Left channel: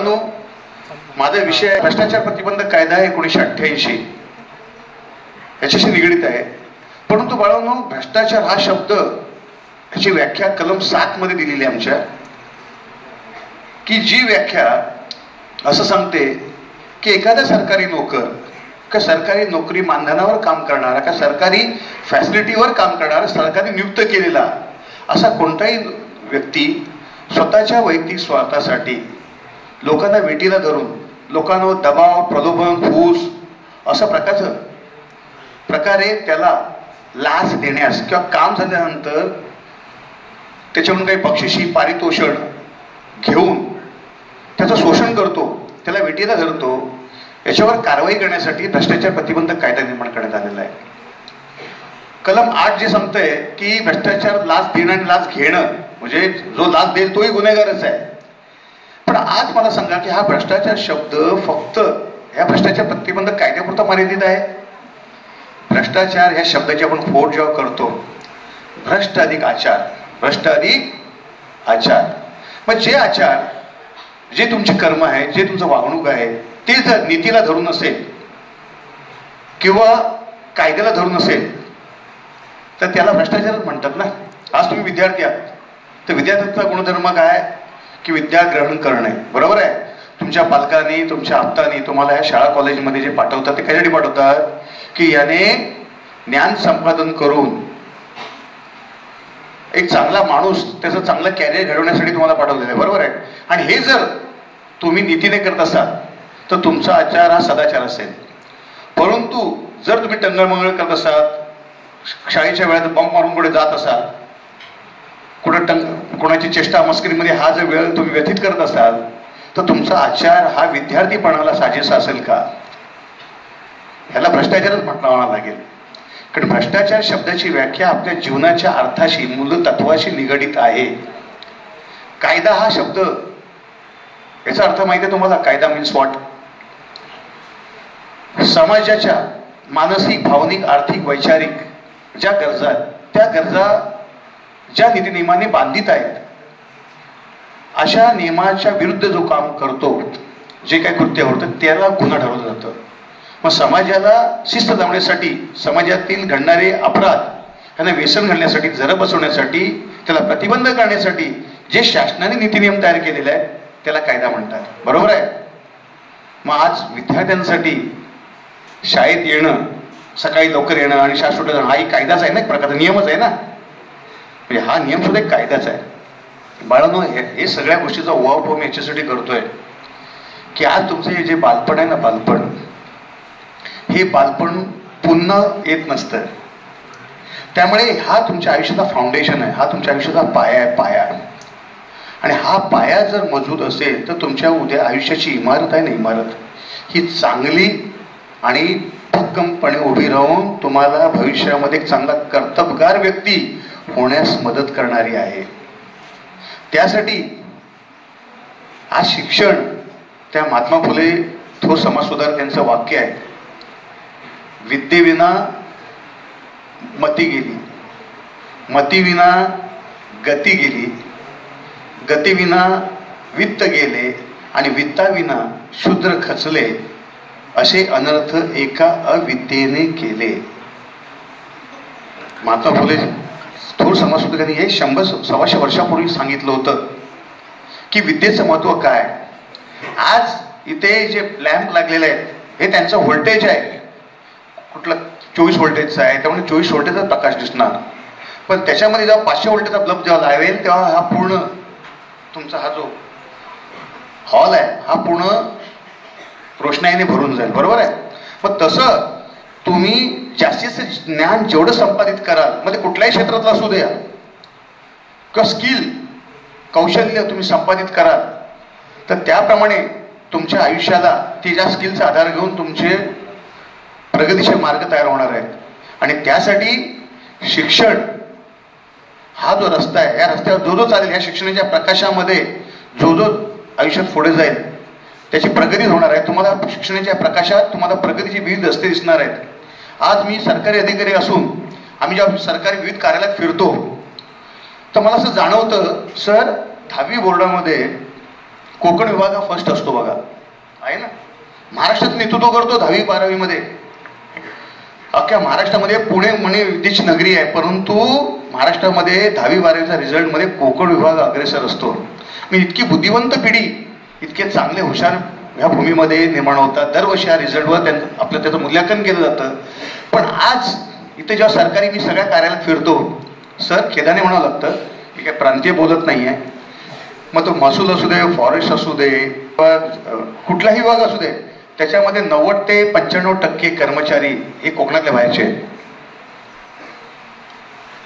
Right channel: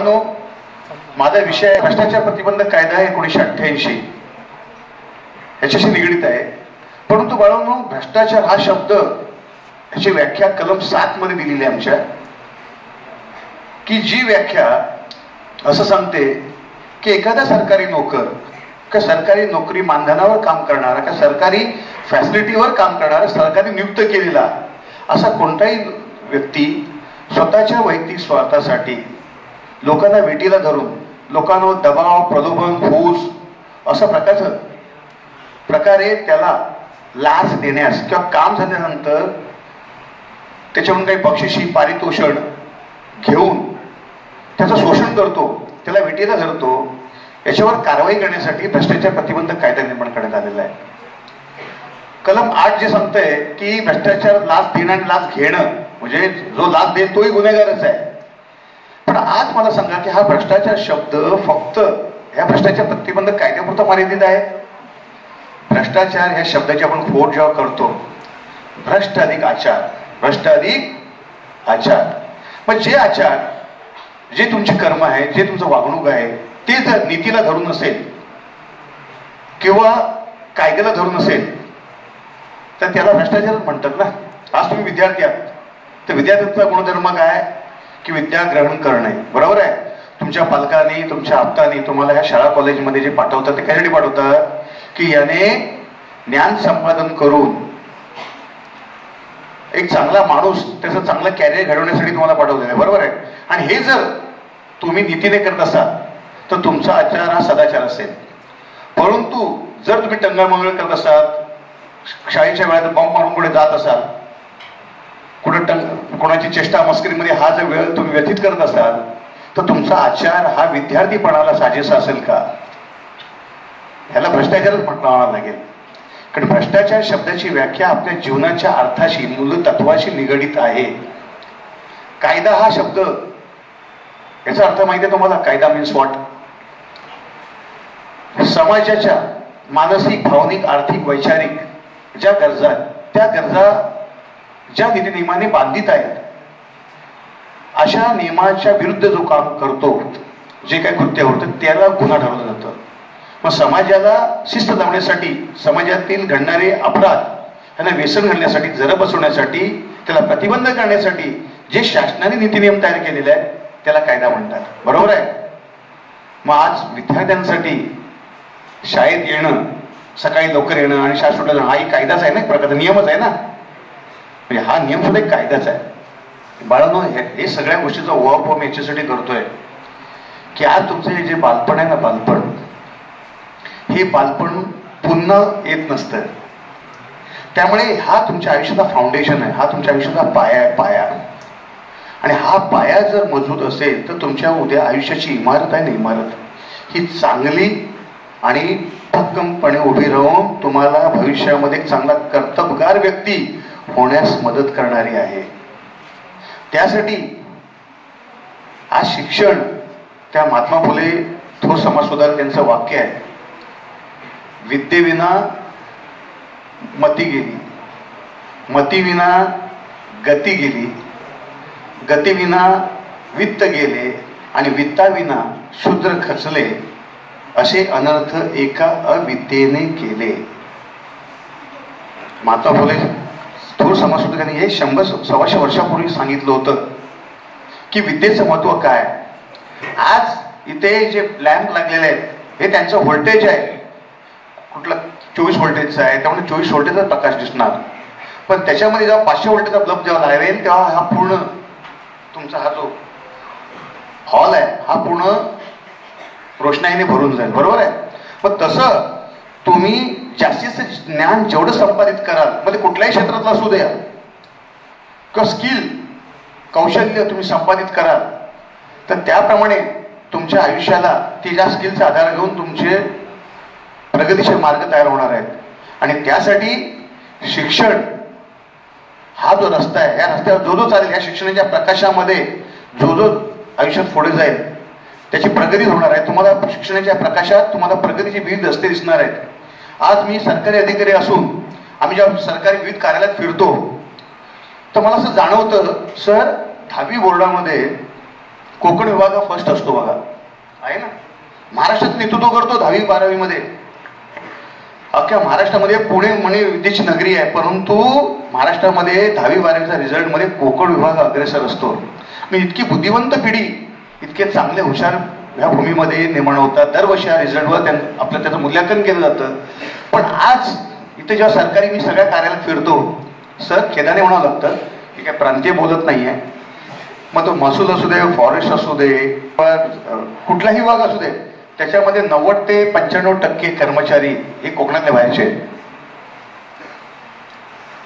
बाळांनो, माझा विषय आहे भ्रष्टाचार प्रतिबंधक कायदा 1988 याच्याशी निगडीत आहे. परंतु बाळांनो, भ्रष्टाचार हा शब्द याची व्याख्या कलम 7 मध्ये दिलेली आहे आमच्या, की जी व्याख्या असं सांगते की एखादा सरकारी नोकर का सरकारी नोकरी मानधनावर काम करणारा का सरकारी फॅसिलिटीवर काम करणारा सरकारी नियुक्त केलेला असा कोणताही व्यक्ती स्वतःच्या वैयक्तिक स्वार्थासाठी लोकांना वेटीला धरून लोकांवर दबाव, प्रलोभन, फूस अशा प्रकारे त्याला लाच देण्यास किंवा काम झाल्यानंतर त्याच्याकडून काही बक्षिशी पारितोषण घेऊन त्याचं शोषण करतो, त्याला वेटीला धरतो, याच्यावर कारवाई करण्यासाठी भ्रष्टाचार प्रतिबंधक कायदा निर्माण करण्यात आलेला आहे. कलम 8 जे सांगतंय की भ्रष्टाचार लाच देणं आणि लाच घेणं म्हणजे जो लाच देईल तोही गुन्हेगारच आहे. पण आज मला सांगा की हा भ्रष्टाचार शब्द फक्त ह्या भ्रष्टाचार प्रतिबंधक कायद्यापुरता मर्यादित आहे. भ्रष्टाचार ह्या शब्दाची आपण फोड जेव्हा करतो, भ्रष्ट अधिक आचार, भ्रष्ट अधिक आचार, मग जे आचार, जे तुमचे कर्म आहे, जे तुमचं वागणूक आहे ते जर नीतीला धरून असेल किंवा कायद्याला धरून असेल तर त्याला भ्रष्टाचारच म्हणतात ना. आज तुम्ही विद्यार्थी आहात तर विद्यार्थ्यांचा गुणधर्म काय की विद्या ग्रहण करणे, बरोबर आहे. तुमच्या पालकांनी, तुमच्या आप्तांनी तुम्हाला ह्या शाळा कॉलेजमध्ये जे पाठवतात ते कशासाठी पाठवतात की याने ज्ञान संपादन करून एक चांगला माणूस, त्याचं चांगलं कॅरियर घडवण्यासाठी तुम्हाला पाठवलेलं आहे, बरोबर आहे. आणि हे जर तुम्ही नीतीने करत असाल तर तुमचा आचार हा सदाचार असेल. परंतु जर तुम्ही टंगळमंगळ करत असाल, शाळेच्या वेळात बॉम्ब मारून कुठे जात असाल, कोणाची चेष्टा मस्करीमध्ये हा जर वेळ तुम्ही व्यतीत करत असाल तर तुमचा आचार हा विद्यार्थीपणाला साजेसा असेल का? ह्याला भ्रष्टाचारच म्हणावं लागेल. कारण भ्रष्टाचार शब्दाची व्याख्या आपल्या जीवनाच्या अर्थाशी, मूलतत्वाशी निगडीत आहे. कायदा हा शब्द, याचा अर्थ माहिती आहे तुम्हाला? कायदा मीन्स व्हॉट? समाजाच्या मानसिक, भावनिक, आर्थिक, वैचारिक ज्या गरजा आहेत त्या गरजा ज्या नीतिनियमाने बांधित आहेत अशा नियमाच्या विरुद्ध जो काम करतो, जे काही कृत्य होतं त्याला गुन्हा ठरवलं जातं. मग समाजाला शिस्त लावण्यासाठी, समाजातील घडणारे अपराध त्यांना व्यसन घालण्यासाठी, जर बसवण्यासाठी, त्याला प्रतिबंध करण्यासाठी जे शासनाने नीतिनियम तयार केलेले आहेत त्याला कायदा म्हणतात, बरोबर आहे. मग आज विद्यार्थ्यांसाठी शाळेत येणं, सकाळी लवकर येणं आणि शाळा सुटलं जाणं हाही कायदाच आहे ना, एक प्रकारचा नियमच आहे ना. म्हणजे हा नियम सुद्धा एक कायदाच आहे. बाळांनो, हे सगळ्या गोष्टीचा ओव्हरफॉर्म मी याच्यासाठी करतोय की आज तुमचं हे जे बालपण आहे ना, बालपण, हे बालपण पुन्हा येत नसतं. त्यामुळे हा तुमच्या आयुष्याचा फाउंडेशन आहे, हा तुमच्या आयुष्याचा पाया आहे, पाया. आणि हा पाया जर मजबूत असेल तर तुमच्या उद्या आयुष्याची इमारत आहे ना, इमारत ही चांगली आणि भक्कमपणे उभी राहून तुम्हाला भविष्यामध्ये एक चांगला कर्तबगार व्यक्ती होण्यास मदत करणारी आहे. त्यासाठी आज शिक्षण, त्या महात्मा फुले थोर समाजसुधारक यांचं वाक्य आहे, विद्येविना मती गेली, मतीविना गती गेली, गतीविना वित्त गेले आणि वित्ताविना शूद्र खचले, असे अनर्थ एका अविद्येने केले. महात्मा फुले थोर समाजसुधारकांनी हे 100-125 वर्षापूर्वी सांगितलं होतं की विद्येचं महत्व काय. आज इथे जे लॅम्प लागलेले आहेत हे त्यांचं व्होल्टेज आहे, कुठलं 24 व्होल्टेजचा आहे, त्यामुळे 24 व्होल्टेजचा प्रकाश दिसणार. पण त्याच्यामध्ये जेव्हा 500 व्होल्टेजचा बल्ब जेव्हा लावेल तेव्हा हा पूर्ण तुमचा हा जो हॉल आहे हा पूर्ण रोषणाईने भरून जाईल, बरोबर आहे. मग तसं तुम्ही जास्तीत ज्ञान जेवढं संपादित कराल, म्हणजे कुठल्याही क्षेत्रातलं असू द्या, किंवा स्किल, कौशल्य तुम्ही संपादित कराल तर त्याप्रमाणे तुमच्या आयुष्याला ती ज्या स्किलचा आधार घेऊन तुमचे प्रगतीचे मार्ग तयार होणार आहेत. आणि त्यासाठी शिक्षण हा जो रस्ता आहे, या रस्त्यावर जो चालेल, या शिक्षणाच्या प्रकाशामध्ये जो आयुष्यात पुढे जाईल त्याची प्रगती होणार आहे. तुम्हाला शिक्षणाच्या प्रकाशात तुम्हाला प्रगतीची विविध रस्ते दिसणार आहेत. आज मी सरकारी अधिकारी असून आम्ही जेव्हा सरकारी विविध कार्यालयात फिरतो तर मला असं जाणवतं, सर 10वी बोर्डामध्ये कोकण विभाग हा फर्स्ट असतो बघा, आहे ना. महाराष्ट्रात नेतृत्व करतो 10वी 12वी मध्ये. अख्ख्या महाराष्ट्रामध्ये पुणे म्हणे विद्येची नगरी आहे, परंतु महाराष्ट्रामध्ये 10वी 12वीचा रिझल्ट मध्ये कोकण विभाग अग्रेसर असतो. मी इतकी बुद्धिवंत पिढी, इतके चांगले हुशार ह्या भूमीमध्ये निर्माण होतात. दरवर्षी ह्या रिझल्टवर आपलं त्याचं मूल्यांकन केलं जातं. पण आज इथे जेव्हा सरकारी मी सगळ्या कार्यालयात फिरतो, सर खेदाने म्हणावं लागतं की काय प्रांतीय बोलत नाहीये. मग तो महसूल असू दे, फॉरेस्ट असू दे, कुठलाही विभाग असू दे, त्याच्यामध्ये 90 ते 95% कर्मचारी हे कोकणातल्या बाहेरचे.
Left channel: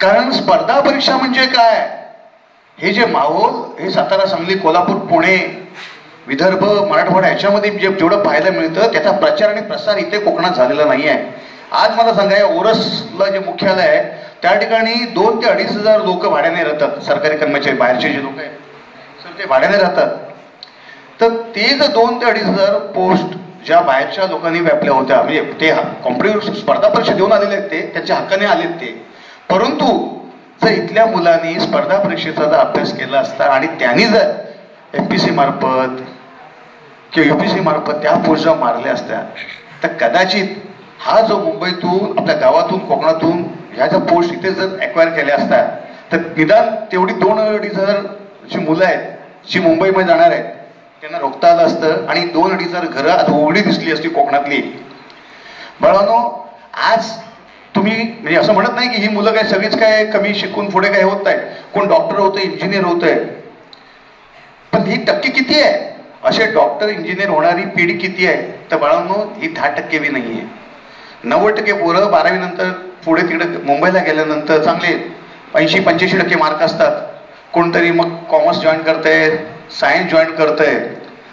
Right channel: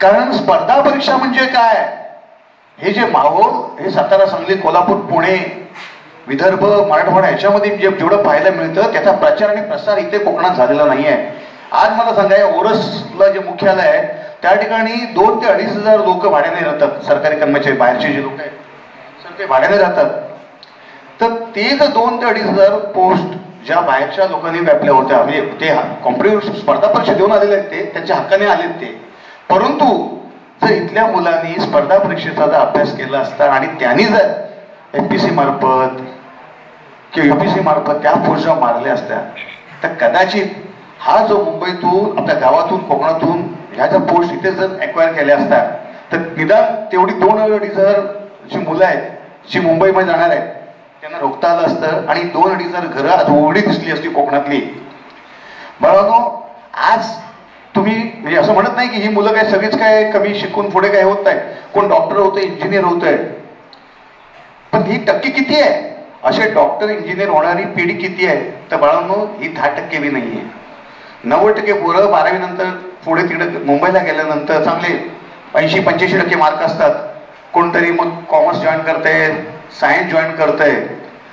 कारण स्पर्धा परीक्षा म्हणजे काय, हे जे माहोल हे सातारा, सांगली, कोल्हापूर, पुणे, विदर्भ, मराठवाडा याच्यामध्ये जेवढं पाहायला मिळतं त्याचा प्रचार आणि प्रसार इथे कोकणात झालेला नाही आहे. आज मला सांगा, ओरसला जे मुख्यालय आहे त्या ठिकाणी 2 ते 2.5 हजार लोक भाड्याने राहतात. सरकारी कर्मचारी बाहेरचे जे लोक आहेत ते भाड्याने राहतात. तर ते जर 2 ते 2.5 हजार पोस्ट ज्या बाहेरच्या लोकांनी व्यापल्या होत्या, म्हणजे ते कॉम्पिटिटिव्ह स्पर्धा परीक्षा देऊन आलेले आहेत, ते त्यांच्या हक्काने आलेत ते. परंतु जर इथल्या मुलांनी स्पर्धा परीक्षेचा जर अभ्यास केला असता आणि त्यांनी जर MPSC मार्फत किंवा UPSC मार्फत त्या पोस्ट जर मारल्या असत्या, तर कदाचित हा जो मुंबईतून, आपल्या गावातून, कोकणातून ह्या जर पोस्ट इथे जर अक्वायर केल्या असत्या, तर निदान तेवढी 2-2.5 हजार जी मुलं आहेत जी मुंबईमध्ये जाणार आहेत त्यांना रोखता आलं असतं आणि 2-2.5 हजार घरं आज उघडी दिसली असती कोकणातली. बाळांनो, आज तुम्ही म्हणजे असं म्हणत नाही की ही मुलं काय सगळेच काय कमी शिकून पुढे काय होत आहे. कोण डॉक्टर होतंय, इंजिनियर होतंय, पण ही टक्के किती आहे? असे डॉक्टर इंजिनियर होणारी पिढी किती आहे? तर बाळांनो, ही 10% बी नाही आहे. 90% पोरं 12वी नंतर पुढे तिकडे मुंबईला गेल्यानंतर चांगले 80-85% मार्क असतात. कोणतरी मग कॉमर्स जॉईन करतंय, सायन्स जॉईन करतंय,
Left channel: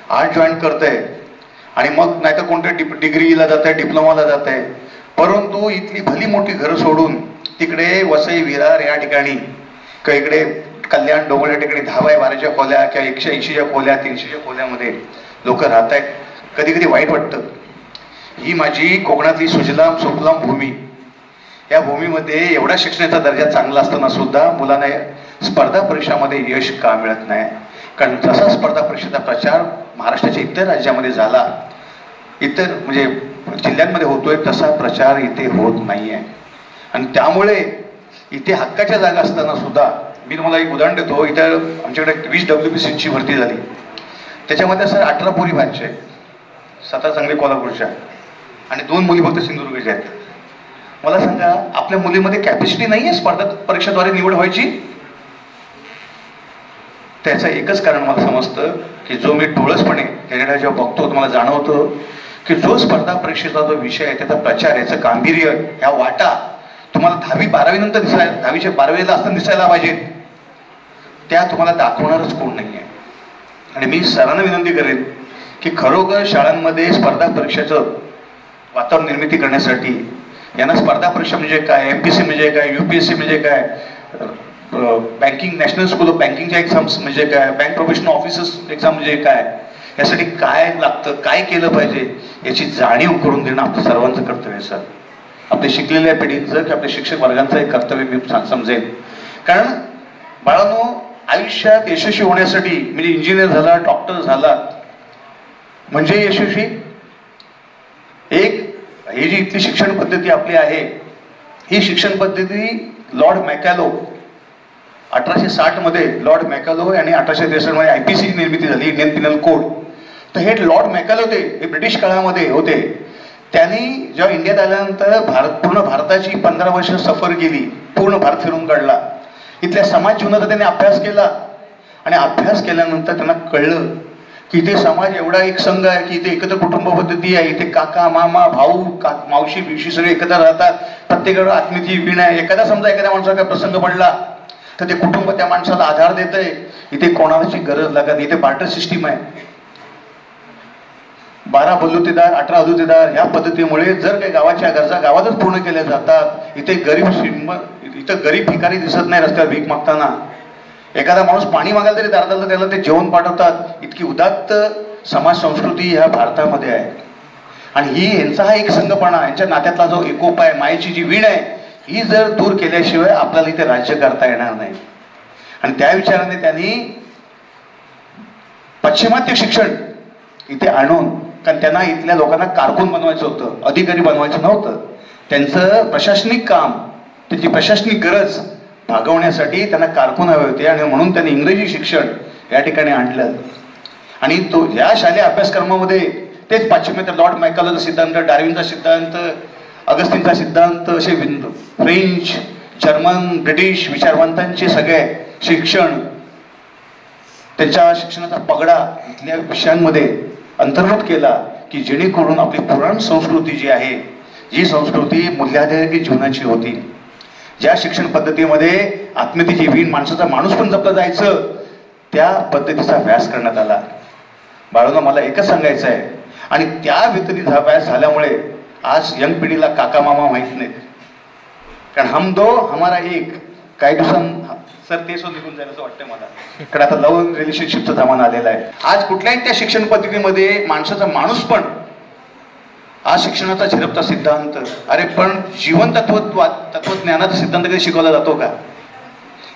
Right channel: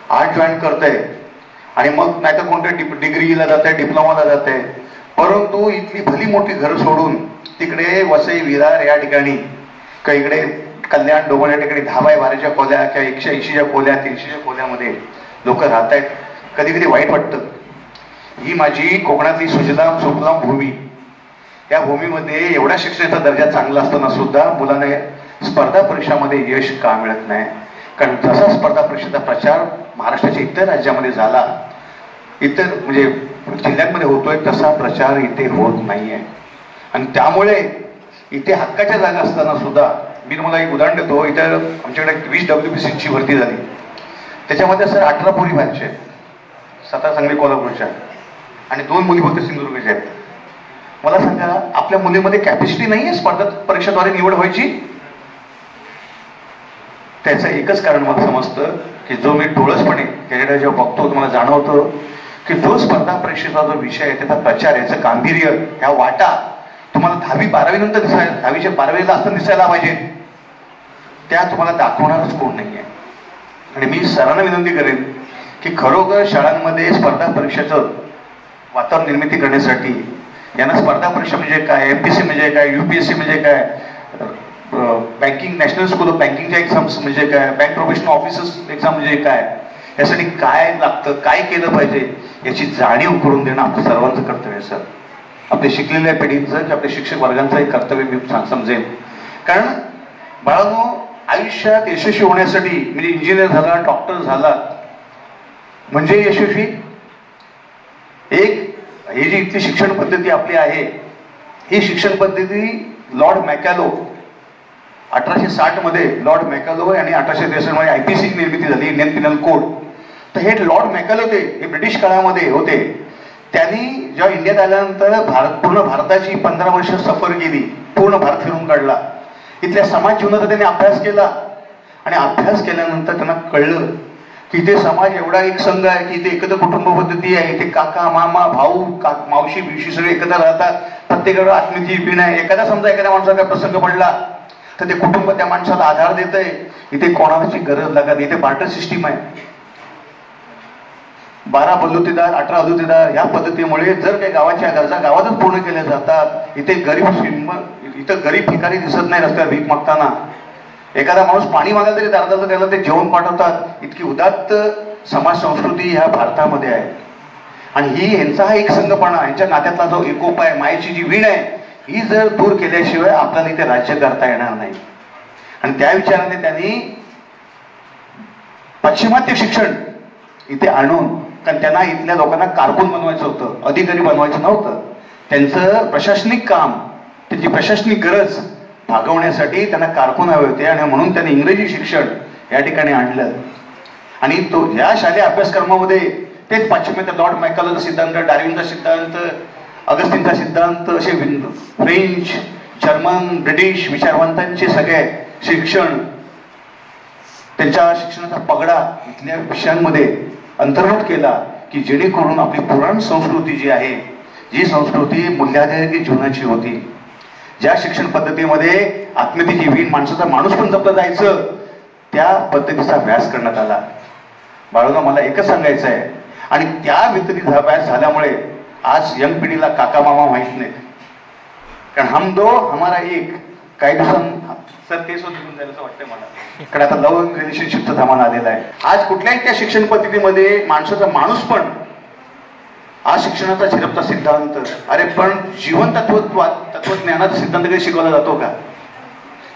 आर्ट जॉईन करतंय आणि मग नाहीतर कोणत्या डिग्रीला जातंय, डिप्लोमाला जातंय. परंतु इथली भली मोठी घरं सोडून तिकडे वसई, विरार या ठिकाणी किंवा इकडे कल्याण, डोंगर या ठिकाणी 10x12च्या खोल्या किंवा 180च्या खोल्या, 300च्या खोल्यामध्ये लोक राहत आहेत. कधी कधी वाईट वाटतं. ही माझी कोकणातली सुजलाम सुफलाम भूमी, या भूमीमध्ये एवढा शिक्षणाचा दर्जा चांगला असताना सुद्धा मुलांना स्पर्धा परीक्षामध्ये यश का मिळत नाही? कारण जसा स्पर्धा परीक्षेचा प्रचार महाराष्ट्राच्या इतर राज्यामध्ये झाला, इतर म्हणजे जिल्ह्यांमध्ये होतोय, तसा प्रचार इथे होत नाहीये. आणि त्यामुळे इथे हक्काच्या जागा असताना सुद्धा, मी तुम्हाला एक उदाहरण देतो. इथे आमच्याकडे 20 WBCची भरती झाली, त्याच्यामध्ये सर 18 पोरी बाहेरच्या आहेत, सातारा, सांगली, कोल्हापूरच्या, आणि 2 मुली फक्त सिंधुदुर्गच्या आहेत. मला सांगा, आपल्या मुलीमध्ये कॅपॅसिटी नाही आहे स्पर्धा परीक्षेद्वारे निवड व्हायची? त्याचं एकच कारण मला समजतं की जो मी डोळसपणे त्याच्याकडे जेव्हा बघतो मला जाणवतं की जो स्पर्धा परीक्षेचा जो विषय आहे त्याचा प्रचार, याचं गांभीर्य, ह्या वाटा तुम्हाला 10वी 12वी नंतर दिसायला, 10वीच्या 12वीला असताना दिसायला पाहिजे, त्या तुम्हाला दाखवणारच कोण नाही आहे. आणि मी सरांना विनंती करेन की खरोखर शाळांमध्ये स्पर्धा परीक्षेचं वातावरण निर्मिती करण्यासाठी यांना स्पर्धा परीक्षा म्हणजे काय, MPSC म्हणजे काय, UPSC म्हणजे काय, बँकिंग, नॅशनल स्कूल ऑफ बँकिंगच्या एक्झाम्स म्हणजे काय, बँक प्रोफेशनल ऑफिसर्स एक्झाम म्हणजे काय, यासाठी काय लागतं, काय केलं पाहिजे, याची जाणीव करून देणं आपलं सर्वांचं कर्तव्य आहे. सर, आपल्या शिकलेल्या पिढींचं की आपल्या शिक्षक वर्गांचं एक कर्तव्य मी समजेन. कारण बाळांनो, आयुष्यात यशस्वी होण्यासाठी म्हणजे इंजिनियर झाला, डॉक्टर झाला म्हणजे यशस्वी, एक ही जी इथली शिक्षण पद्धती आपली आहे, ही शिक्षण पद्धती लॉर्ड मॅकॅलो 1860 मध्ये, लॉर्ड मॅकॅलो आणि 1863 मध्ये IPC निर्मिती झाली, इंडियन पिनल कोड. तर हे लॉर्ड मॅकॅलो हे ब्रिटिश काळामध्ये होते. त्यांनी जेव्हा इंडियात आल्यानंतर पूर्ण भारताची 15 वर्ष सफर केली, पूर्ण भारत फिरून काढला. इथल्या समाज जीवनाचा त्यांनी अभ्यास केला आणि अभ्यास केल्यानंतर त्यांना कळलं की इथे समाज एवढा एक संघ आहे की इथे एकत्र कुटुंब पद्धती आहे, इथे काका, मामा, भाऊ, मावशी बिवशी सगळे एकत्र राहतात, प्रत्येकाला आत्मीयतेची बीण आहे. एखादा समजा एखाद्या माणसाला काय प्रसंग पडला तर ते कुटुंब त्या माणसाला आधार देतंय. इथे कोणाची गरज लागत, इथे बार्टर सिस्टीम आहे. 12 बलुतेदार, 18 अदुतेदार, ह्या पद्धतीमुळे जर काही गावाच्या गरजा गावातच पूर्ण केल्या जातात. इथे गरीब भिकारी दिसत नाही रस्त्यावर भीक मागताना. एखादा माणूस पाणी मागायला तरी दारात त्याला ते जेवण पाठवतात. इतकी उदात्त समाज संस्कृती ह्या भारतामध्ये आहे. आणि ही यांचा हा एक संघपणा, यांच्या नात्यातला जो एकोपा आहे, मायेची जी वीण आहे, ही जर दूर केल्याशिवाय आपल्याला इथे राज्य करता येणार नाही. आणि त्या विचाराने त्यांनी पाश्चिमात्य शिक्षण इथे आणून, कारण त्यांना इथल्या लोकांना कारकून बनवायचं होतं, अधिकारी बनवायचं नव्हतं. त्यांचं प्रशासनिक काम, त्यांची प्रशासनिक गरज भागवण्यासाठी त्यांना कारकून हवे होते आणि म्हणून त्यांनी इंग्रजी शिक्षण या ठिकाणी आणलं. आणि तो या शालेय अभ्यासक्रमामध्ये तेच पाश्चिमात्य लॉर्ड मायकलचा सिद्धांत, डार्विनचा सिद्धांत, अगस्टिनचा सिद्धांत, असे फ्रेंच, जर्मन, ब्रिटिश विचारवंतांचे सगळे शिक्षण, त्यांच्या शिक्षणाचा पगडा इथल्या विषयांमध्ये अंतर्भूत केला की जेणेकरून आपली पुराण संस्कृती जी आहे, जी संस्कृती मूल्याधारित जीवनाची होती, ज्या शिक्षण पद्धतीमध्ये आत्मीयतेची वीण, माणसाचा माणूस पण जपला जायचं, त्या पद्धतीचा अभ्यास करण्यात आला. बाळूंना मला एकच सांगायचं आहे, आणि त्या व्यतिरिक्त हा अभ्यास झाल्यामुळे आज यंग पिढीला काका मामा माहित नाहीत. कारण हम दो हमारा एक, काही दिवसांत सर केस निघून जायचं वाटतंय मला, कारण आता लव्ह रिलेशनशिपचा जमाना आलेला आहे. आज कुठल्याही त्या शिक्षण पद्धतीमध्ये माणसाचा माणूस पण, आज शिक्षणाचा झिरपता सिद्धांत, अरे पण जीवन तत्वज्ञानाचा सिद्धांत कधी शिकवला जातो का?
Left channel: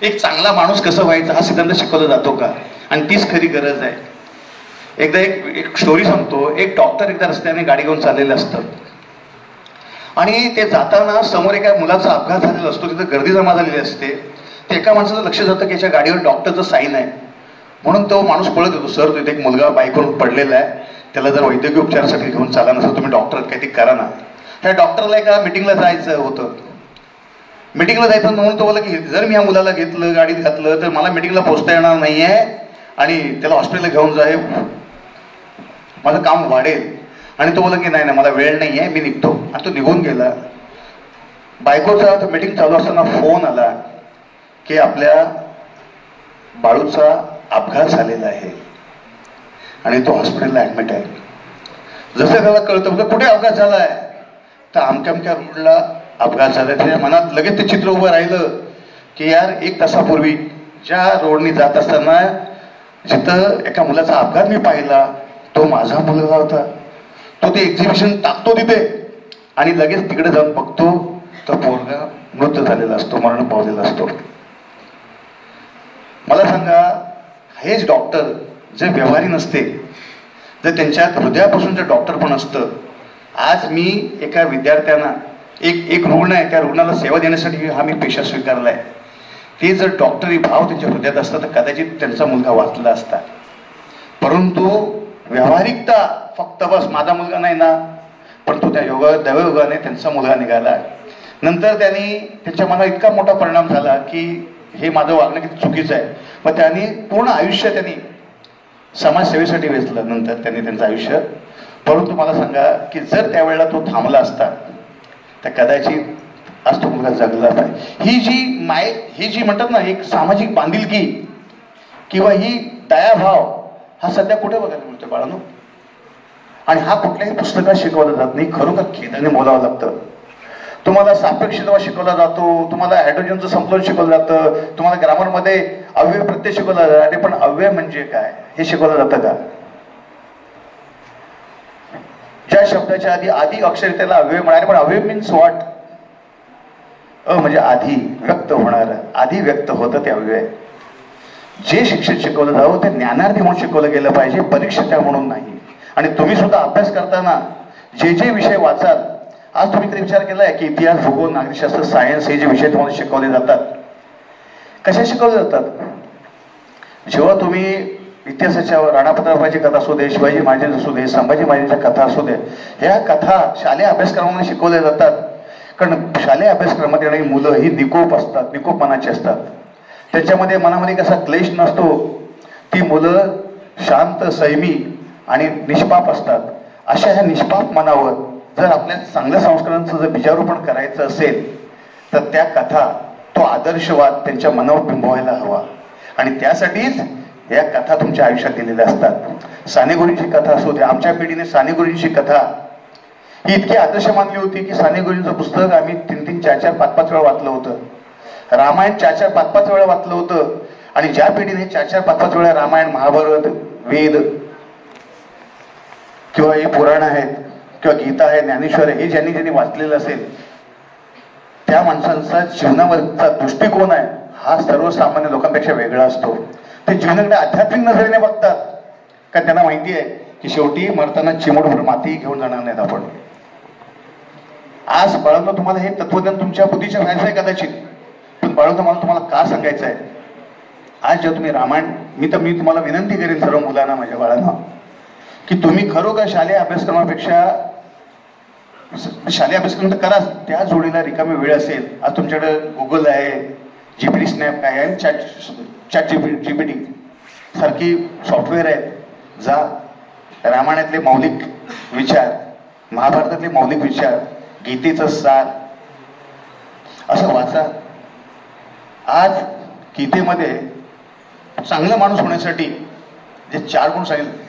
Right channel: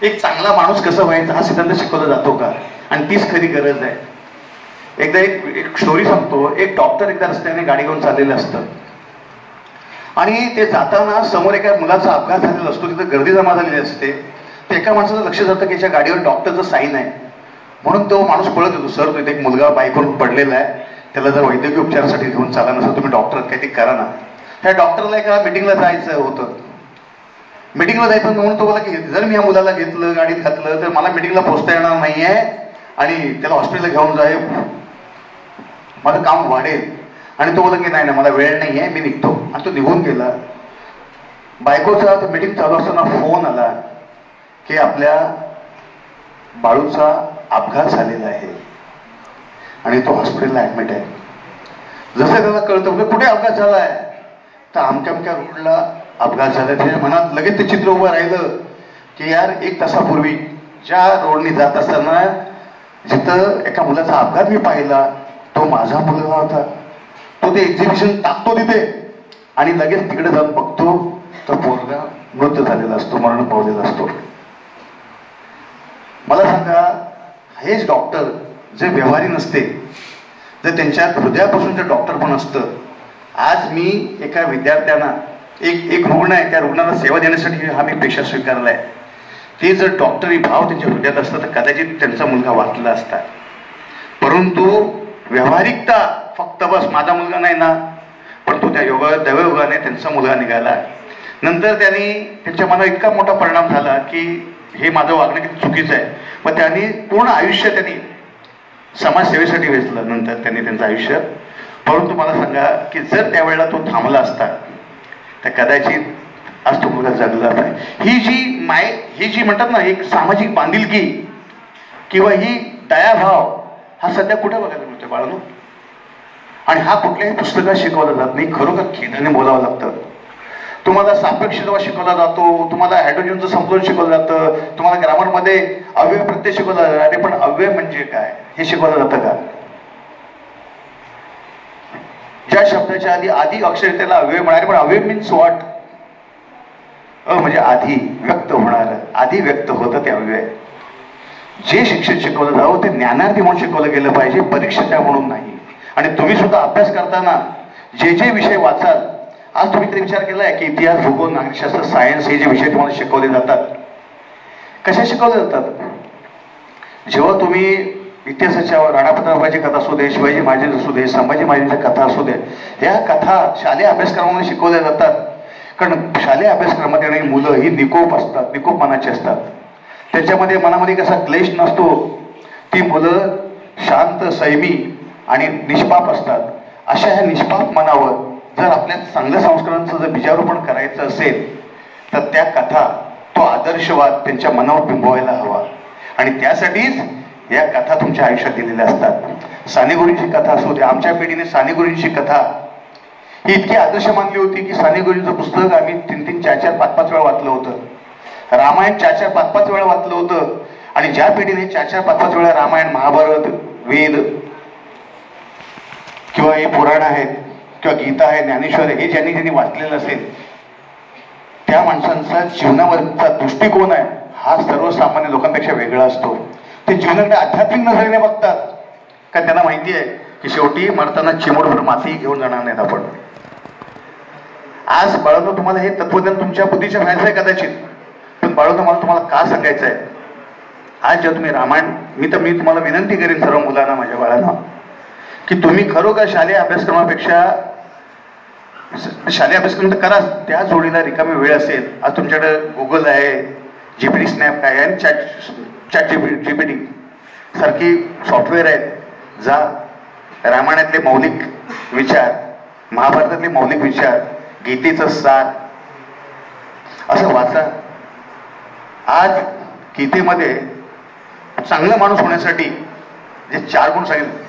एक चांगला माणूस कसं व्हायचं हा सिद्धांत शिकवला जातो का? आणि तीच खरी गरज आहे. एकदा एक स्टोरी सांगतो. एक डॉक्टर एकदा रस्त्याने गाडी घेऊन चाललेले असतं आणि ते जाताना समोर एका मुलाचा अपघात झालेला असतो, तिथे गर्दी जमा झालेली असते. ते एका माणसाचं लक्ष जातं की याच्या गाडीवर डॉक्टरचं साईन आहे, म्हणून तो माणूस पळत येतो, सर तो इथे एक मुलगा बाईकवरून पडलेला आहे, त्याला जर वैद्यकीय उपचारासाठी घेऊन चाला नसेल, तुम्ही डॉक्टर काहीतरी करा ना. ह्या डॉक्टरला एका मिटिंगला जायचं होतं. मिटिंगला जायचं म्हणून तो बोला की जर मी या मुलाला घेतलं, गाडीत घातलं, तर मला मिटिंगला पोहोचता येणार नाहीये आणि त्याला हॉस्पिटलला घेऊन जाईल, माझं काम वाढेल. आणि तो बोला की नाही नाही मला वेळ नाहीये, मी निघतो. आणि तो निघून गेला. बायकोचा तो मिटिंग चालू असताना फोन आला की आपल्या बाळूचा अपघात झालेला आहे आणि तो हॉस्पिटलला ऍडमिट आहे. जसं त्याला कळतं म्हणजे कुठे अपघात झालाय, तर अमक्या अमक्या रोडला अपघात झाला. त्याच्या मनात लगेच ते चित्र उभं राहिलं की यार 1 तासापूर्वी ज्या रोडनी जात असताना जिथं एका मुलाचा अपघात मी पाहिला, तो माझा मुलगा होता. तो ते एक्झिबिशन टाकतो तिथे आणि लगेच तिकडे जाऊन बघतो तर पोरगा मृत झालेला असतो, मरण पावलेला असतो. मला सांगा, हेच डॉक्टर जे व्यवहारी नसते, जर त्यांच्यात हृदयापासून जे डॉक्टर पण असतं. आज मी एका विद्यार्थ्यांना, एक रुग्ण आहे, त्या रुग्णाला सेवा देण्यासाठी हा मी पेशा स्वीकारलाय. ते जर डॉक्टरी भाव त्यांच्या हृदयात असतं तर कदाचित त्यांचा मुलगा वाचला असता. परंतु व्यावहारिकता फक्त बस माझा मुलगा नाही ना, पण तो त्या दैवयोगाने त्यांचा मुलगा निघाला. नंतर त्यांनी त्यांच्या मनात इतका मोठा परिणाम झाला की हे माझं वागणं किती चुकीचं आहे. मग त्यांनी पूर्ण आयुष्य त्यांनी समाजसेवेसाठी वेचलं नंतर त्यांनी त्यांचं आयुष्य. परंतु मला सांगा की जर त्यावेळेला तो थांबला असता तर कदाचित आज तो मुलगा जगला पाहिजे. ही जी म्हणतात ना एक सामाजिक बांधिलकी किंवा ही दयाभाव हा सध्या कुठे बघायला मिळतो बाळांनो? आणि हा कुठल्याही पुस्तकात शिकवला जात नाही. खरोखर खेदाने बोलावं लागतं. तुम्हाला सापेक्षता शिकवला जातो, तुम्हाला हायड्रोजनचं संकलन शिकवलं जातं, तुम्हाला ग्रामरमध्ये अव्यय प्रत्यय शिकवला जातो. अरे पण अव्यय म्हणजे काय हे शिकवलं जातं का? ज्या शब्दाच्या आधी अक्षर त्याला अव्यय म्हणाले, पण अव्यय मीन्स व्हॉट? म्हणजे आधी व्यक्त होणार, आधी व्यक्त होतं ते अव्यय. जे शिक्षण शिकवलं जावं ते ज्ञानार्थी म्हणून शिकवलं गेलं पाहिजे, परीक्षेच्या म्हणून नाही. आणि तुम्ही सुद्धा अभ्यास करताना जे विषय वाचाल, आज तुम्ही तरी विचार केलाय की इतिहास, भूगोल, नागरिकशास्त्र, सायन्स हे जे विषय तुम्हाला शिकवले जातात, कसे शिकवले जातात? जेव्हा तुम्ही इतिहासाच्या राणा प्रतापाची कथा असू दे, शिवाजी महाराजांची असू दे, संभाजी महाराजांच्या कथा असू दे, ह्या कथा शालेय अभ्यासक्रमामध्ये शिकवल्या जातात. कारण शालेय अभ्यासक्रमात येणारी मुलं ही निकोप असतात, निकोप मनाची असतात. त्याच्यामध्ये मनामध्ये कसा क्लेश नसतो. ती मुलं शांत, संयमी आणि निष्पाप असतात. अशा ह्या निष्पाप मनावर जर आपल्या चांगल्या संस्कारांचं जर बीजारोपण करायचं असेल तर त्या कथा, तो आदर्शवाद त्यांच्या मनावर बिंबवायला हवा. आणि त्यासाठीच या कथा तुमच्या आयुष्यात दिलेल्या असतात. साने गुरुजींची कथा असू दे, आमच्या पिढीने साने गुरुजींची कथा ही इतकी आदर्श मानली होती की साने गुरुजींचं पुस्तक आम्ही 3-3, 4-4, 5-5 वेळा वाचलं होतं. रामायण 4-4, 5-5 वेळा वाचलं होतं. आणि ज्या पिढीने 4-4, 5-5 वेळा रामायण, महाभारत, वेद किंवा हे पुराण आहेत किंवा गीता आहे, ज्ञानेश्वर आहे, हे ज्यांनी वाचलेलं असेल त्या माणसांचा जीवनावरचा दृष्टिकोन आहे हा सर्वसामान्य लोकांपेक्षा वेगळा असतो. ते जीवनाकडे आध्यात्मिक नजरेने बघतात. कारण त्यांना माहिती आहे की शेवटी मरताना चिमोटभर माती घेऊन जाणार नाहीत आपण. आज बाळवतो तुम्हाला हे तत्वज्ञान तुमच्या बुद्धीच्या बाहेर आहे कदाचित, पण बाळवतो मला तुम्हाला का सांगायचं आहे. आज जेव्हा तुम्ही रामायण, मी तुम्हाला विनंती करेन सर्व मुलांना, माझ्या बाळांना, की तुम्ही खरोखर शालेय अभ्यासक्रमापेक्षा, शालेय अभ्यासक्रम तर करा, त्या जोडीला रिकामी वेळ असेल. आज तुमच्याकडे गुगल आहे, जीपीटी स्नॅप काय आहे, चॅट जीपीटी सारखी सॉफ्टवेअर आहेत. जा रामायणातले मौलिक विचार, महाभारतातले मौलिक विचार, गीतेचं सार असं वाचा. आज गीतेमध्ये चांगला माणूस होण्यासाठी जे 4 गुण सांगितले,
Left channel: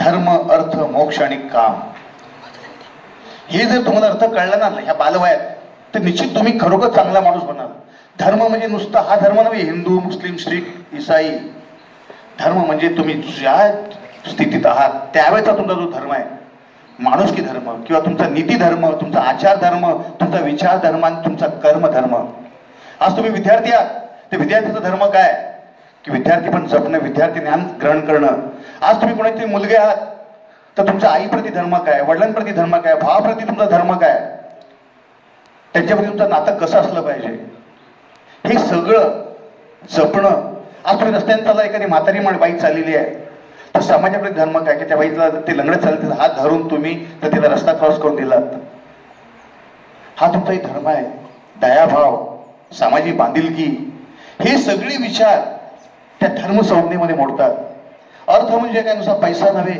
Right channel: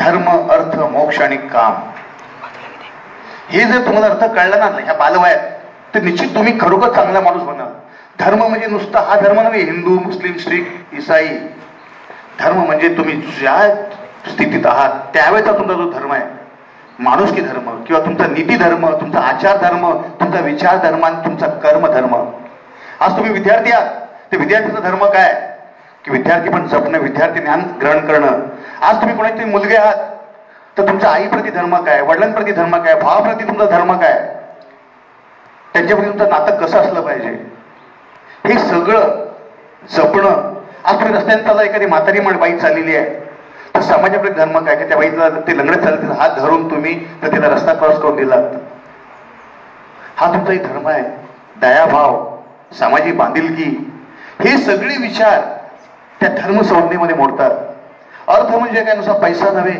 धर्म, अर्थ, मोक्ष आणि काम, हे जर तुम्हाला अर्थ कळला ना ह्या बालवयात, तर निश्चित तुम्ही खरोखर चांगला माणूस बनाल. धर्म म्हणजे नुसता हा धर्म नव्हे, हिंदू, मुस्लिम, शीख, ईसाई. धर्म म्हणजे तुम्ही ज्या स्थितीत आहात त्यावेळेचा तुमचा जो धर्म आहे, माणुसकी धर्म किंवा तुमचा नीती धर्म, तुमचा आचार धर्म, तुमचा विचार धर्म आणि तुमचा कर्म धर्म. आज तुम्ही विद्यार्थी आहात, ते विद्यार्थीचा धर्म काय की विद्यार्थी पण जपणं, विद्यार्थी ज्ञान ग्रहण करणं. आज तुम्ही कोणाचे मुलगे आहात, तर तुमच्या आईप्रती धर्म काय, वडिलांप्रती धर्म काय, भावाप्रती तुमचा धर्म काय, त्यांच्याप्रती तुमचं नातं कसं असलं पाहिजे, हे सगळं जपणं. आज तुम्ही रस्त्याने चालला, एखादी म्हातारी बाई चाललेली आहे, तर समाजाप्रती धर्म काय, की त्या बाईला ते लंगडत चालत हात धरून तुम्ही तर तिला रस्ता क्रॉस करून दिला, हा तुमचाही धर्म आहे. दयाभाव, सामाजिक बांधिलकी, हे सगळे विचार त्या धर्म संज्ञेमध्ये मोडतात. अर्थ म्हणजे काय, नुसता पैसा नव्हे.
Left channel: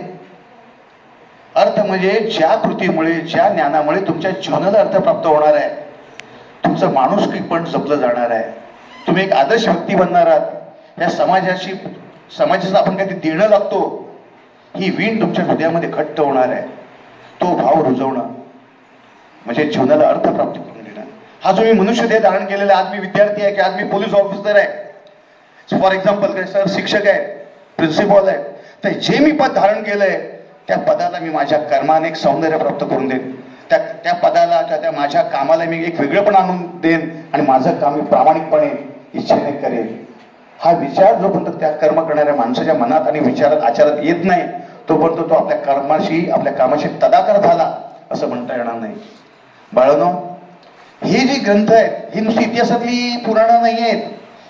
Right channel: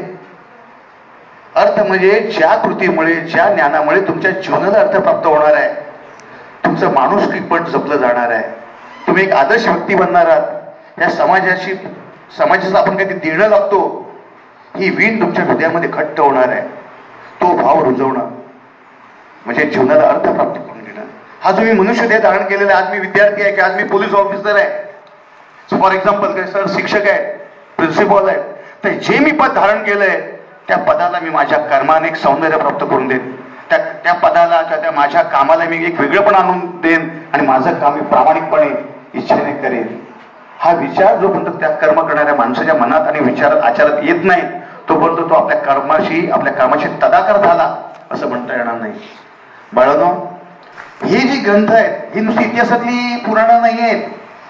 अर्थ म्हणजे ज्या कृतीमुळे, ज्या ज्ञानामुळे तुमच्या जीवनाला अर्थ प्राप्त होणार आहे, तुमचं माणुसकी पण जपलं जाणार आहे, तुम्ही एक आदर्श व्यक्ती बनणार आहात. या समाजाचं आपण काही देणं लागतो, ही वीण तुमच्या हृदयामध्ये घट्ट होणार आहे. तो भाव रुजवणं म्हणजे जीवनाला अर्थ प्राप्त करून देणं. हा जो मी मनुष्य देह धारण केलेला आहे, आज मी विद्यार्थी आहे, की आज मी पोलीस ऑफिसर आहे, फॉर एक्झाम्पल, काय सर शिक्षक आहे, प्रिन्सिपल आहे, तर जे मी पद धारण केलंय त्या पदाला मी माझ्या कर्माने एक सौंदर्य प्राप्त करून देईन. त्या पदाला किंवा त्या माझ्या कामाला मी एक वेगळेपण आणून देईन आणि माझं काम मी प्रामाणिकपणे इच्छेने करेन. हा विचार जोपर्यंत त्या कर्म करणाऱ्या माणसाच्या मनात आणि विचारात, आचारात येत नाही, तोपर्यंत तो आपल्या कर्माशी, आपल्या कामाशी तदाकार झाला असं म्हणता येणार नाही. बाळांनो, हे जे ग्रंथ आहेत, ही नुसती इतिहासातली पुराणं नाही आहेत,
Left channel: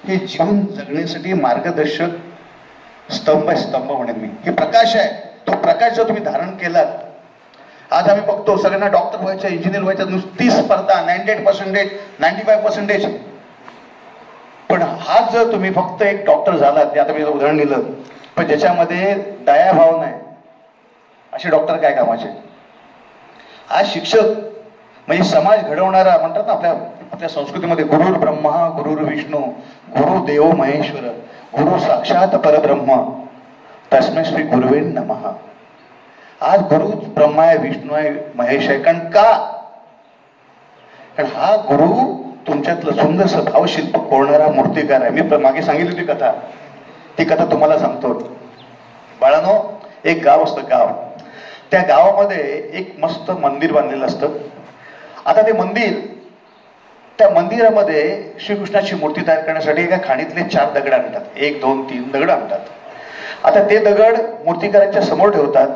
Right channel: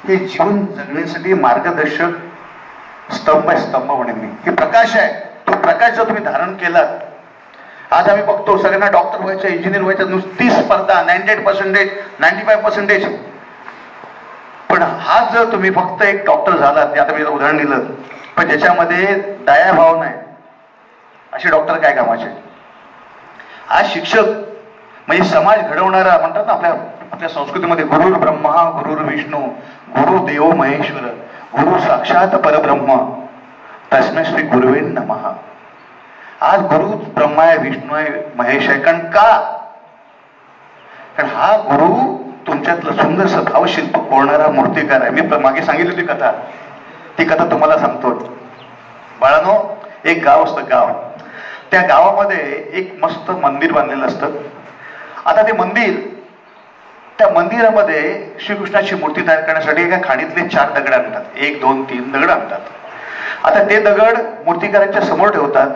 हे जीवन जगण्यासाठी मार्गदर्शक स्तंभ आहे, स्तंभ म्हणेन मी. हे प्रकाश आहे. तो प्रकाश जर तुम्ही धारण केलात, आज आम्ही बघतो सगळ्यांना डॉक्टर व्हायचं, इंजिनियर व्हायचं, नुसती स्पर्धा, 98%, 95%. पण हा जर तुम्ही फक्त एक डॉक्टर झालात, ते आता मी उदाहरण दिलं, पण ज्याच्यामध्ये दयाभाव नाही, असे डॉक्टर काय कामाचे. आज शिक्षक म्हणजे समाज घडवणारा म्हणतात ना, आपल्या संस्कृतीमध्ये गुरुर ब्रह्मा गुरुर विष्णू गुरु देव महेश्वर गुरु साक्षात परब्रह्म तस्मै श्री गुरुवे नमः. आज गुरु ब्रह्मा आहे, विष्णू आहे, महेश आहे. कारण हा गुरु तुमच्यातलं सुंदरसं भावशिल्प कोरणारा मूर्तिकार आहे. मी मागे सांगितली होती कथा, ती कथा तुम्हाला सांगतो. बाळांनो, एक गाव असतं, गाव, त्या गावामध्ये एक मस्त मंदिर बांधलेलं असतं. आता ते मंदिर, त्या मंदिरामध्ये श्रीकृष्णाची मूर्ती तयार करण्यासाठी एका खाणीतले 4 दगड आणतात, 1, 2, 3 दगड आणतात. आता ते दगड मूर्तिकारांच्या समोर ठेवतात.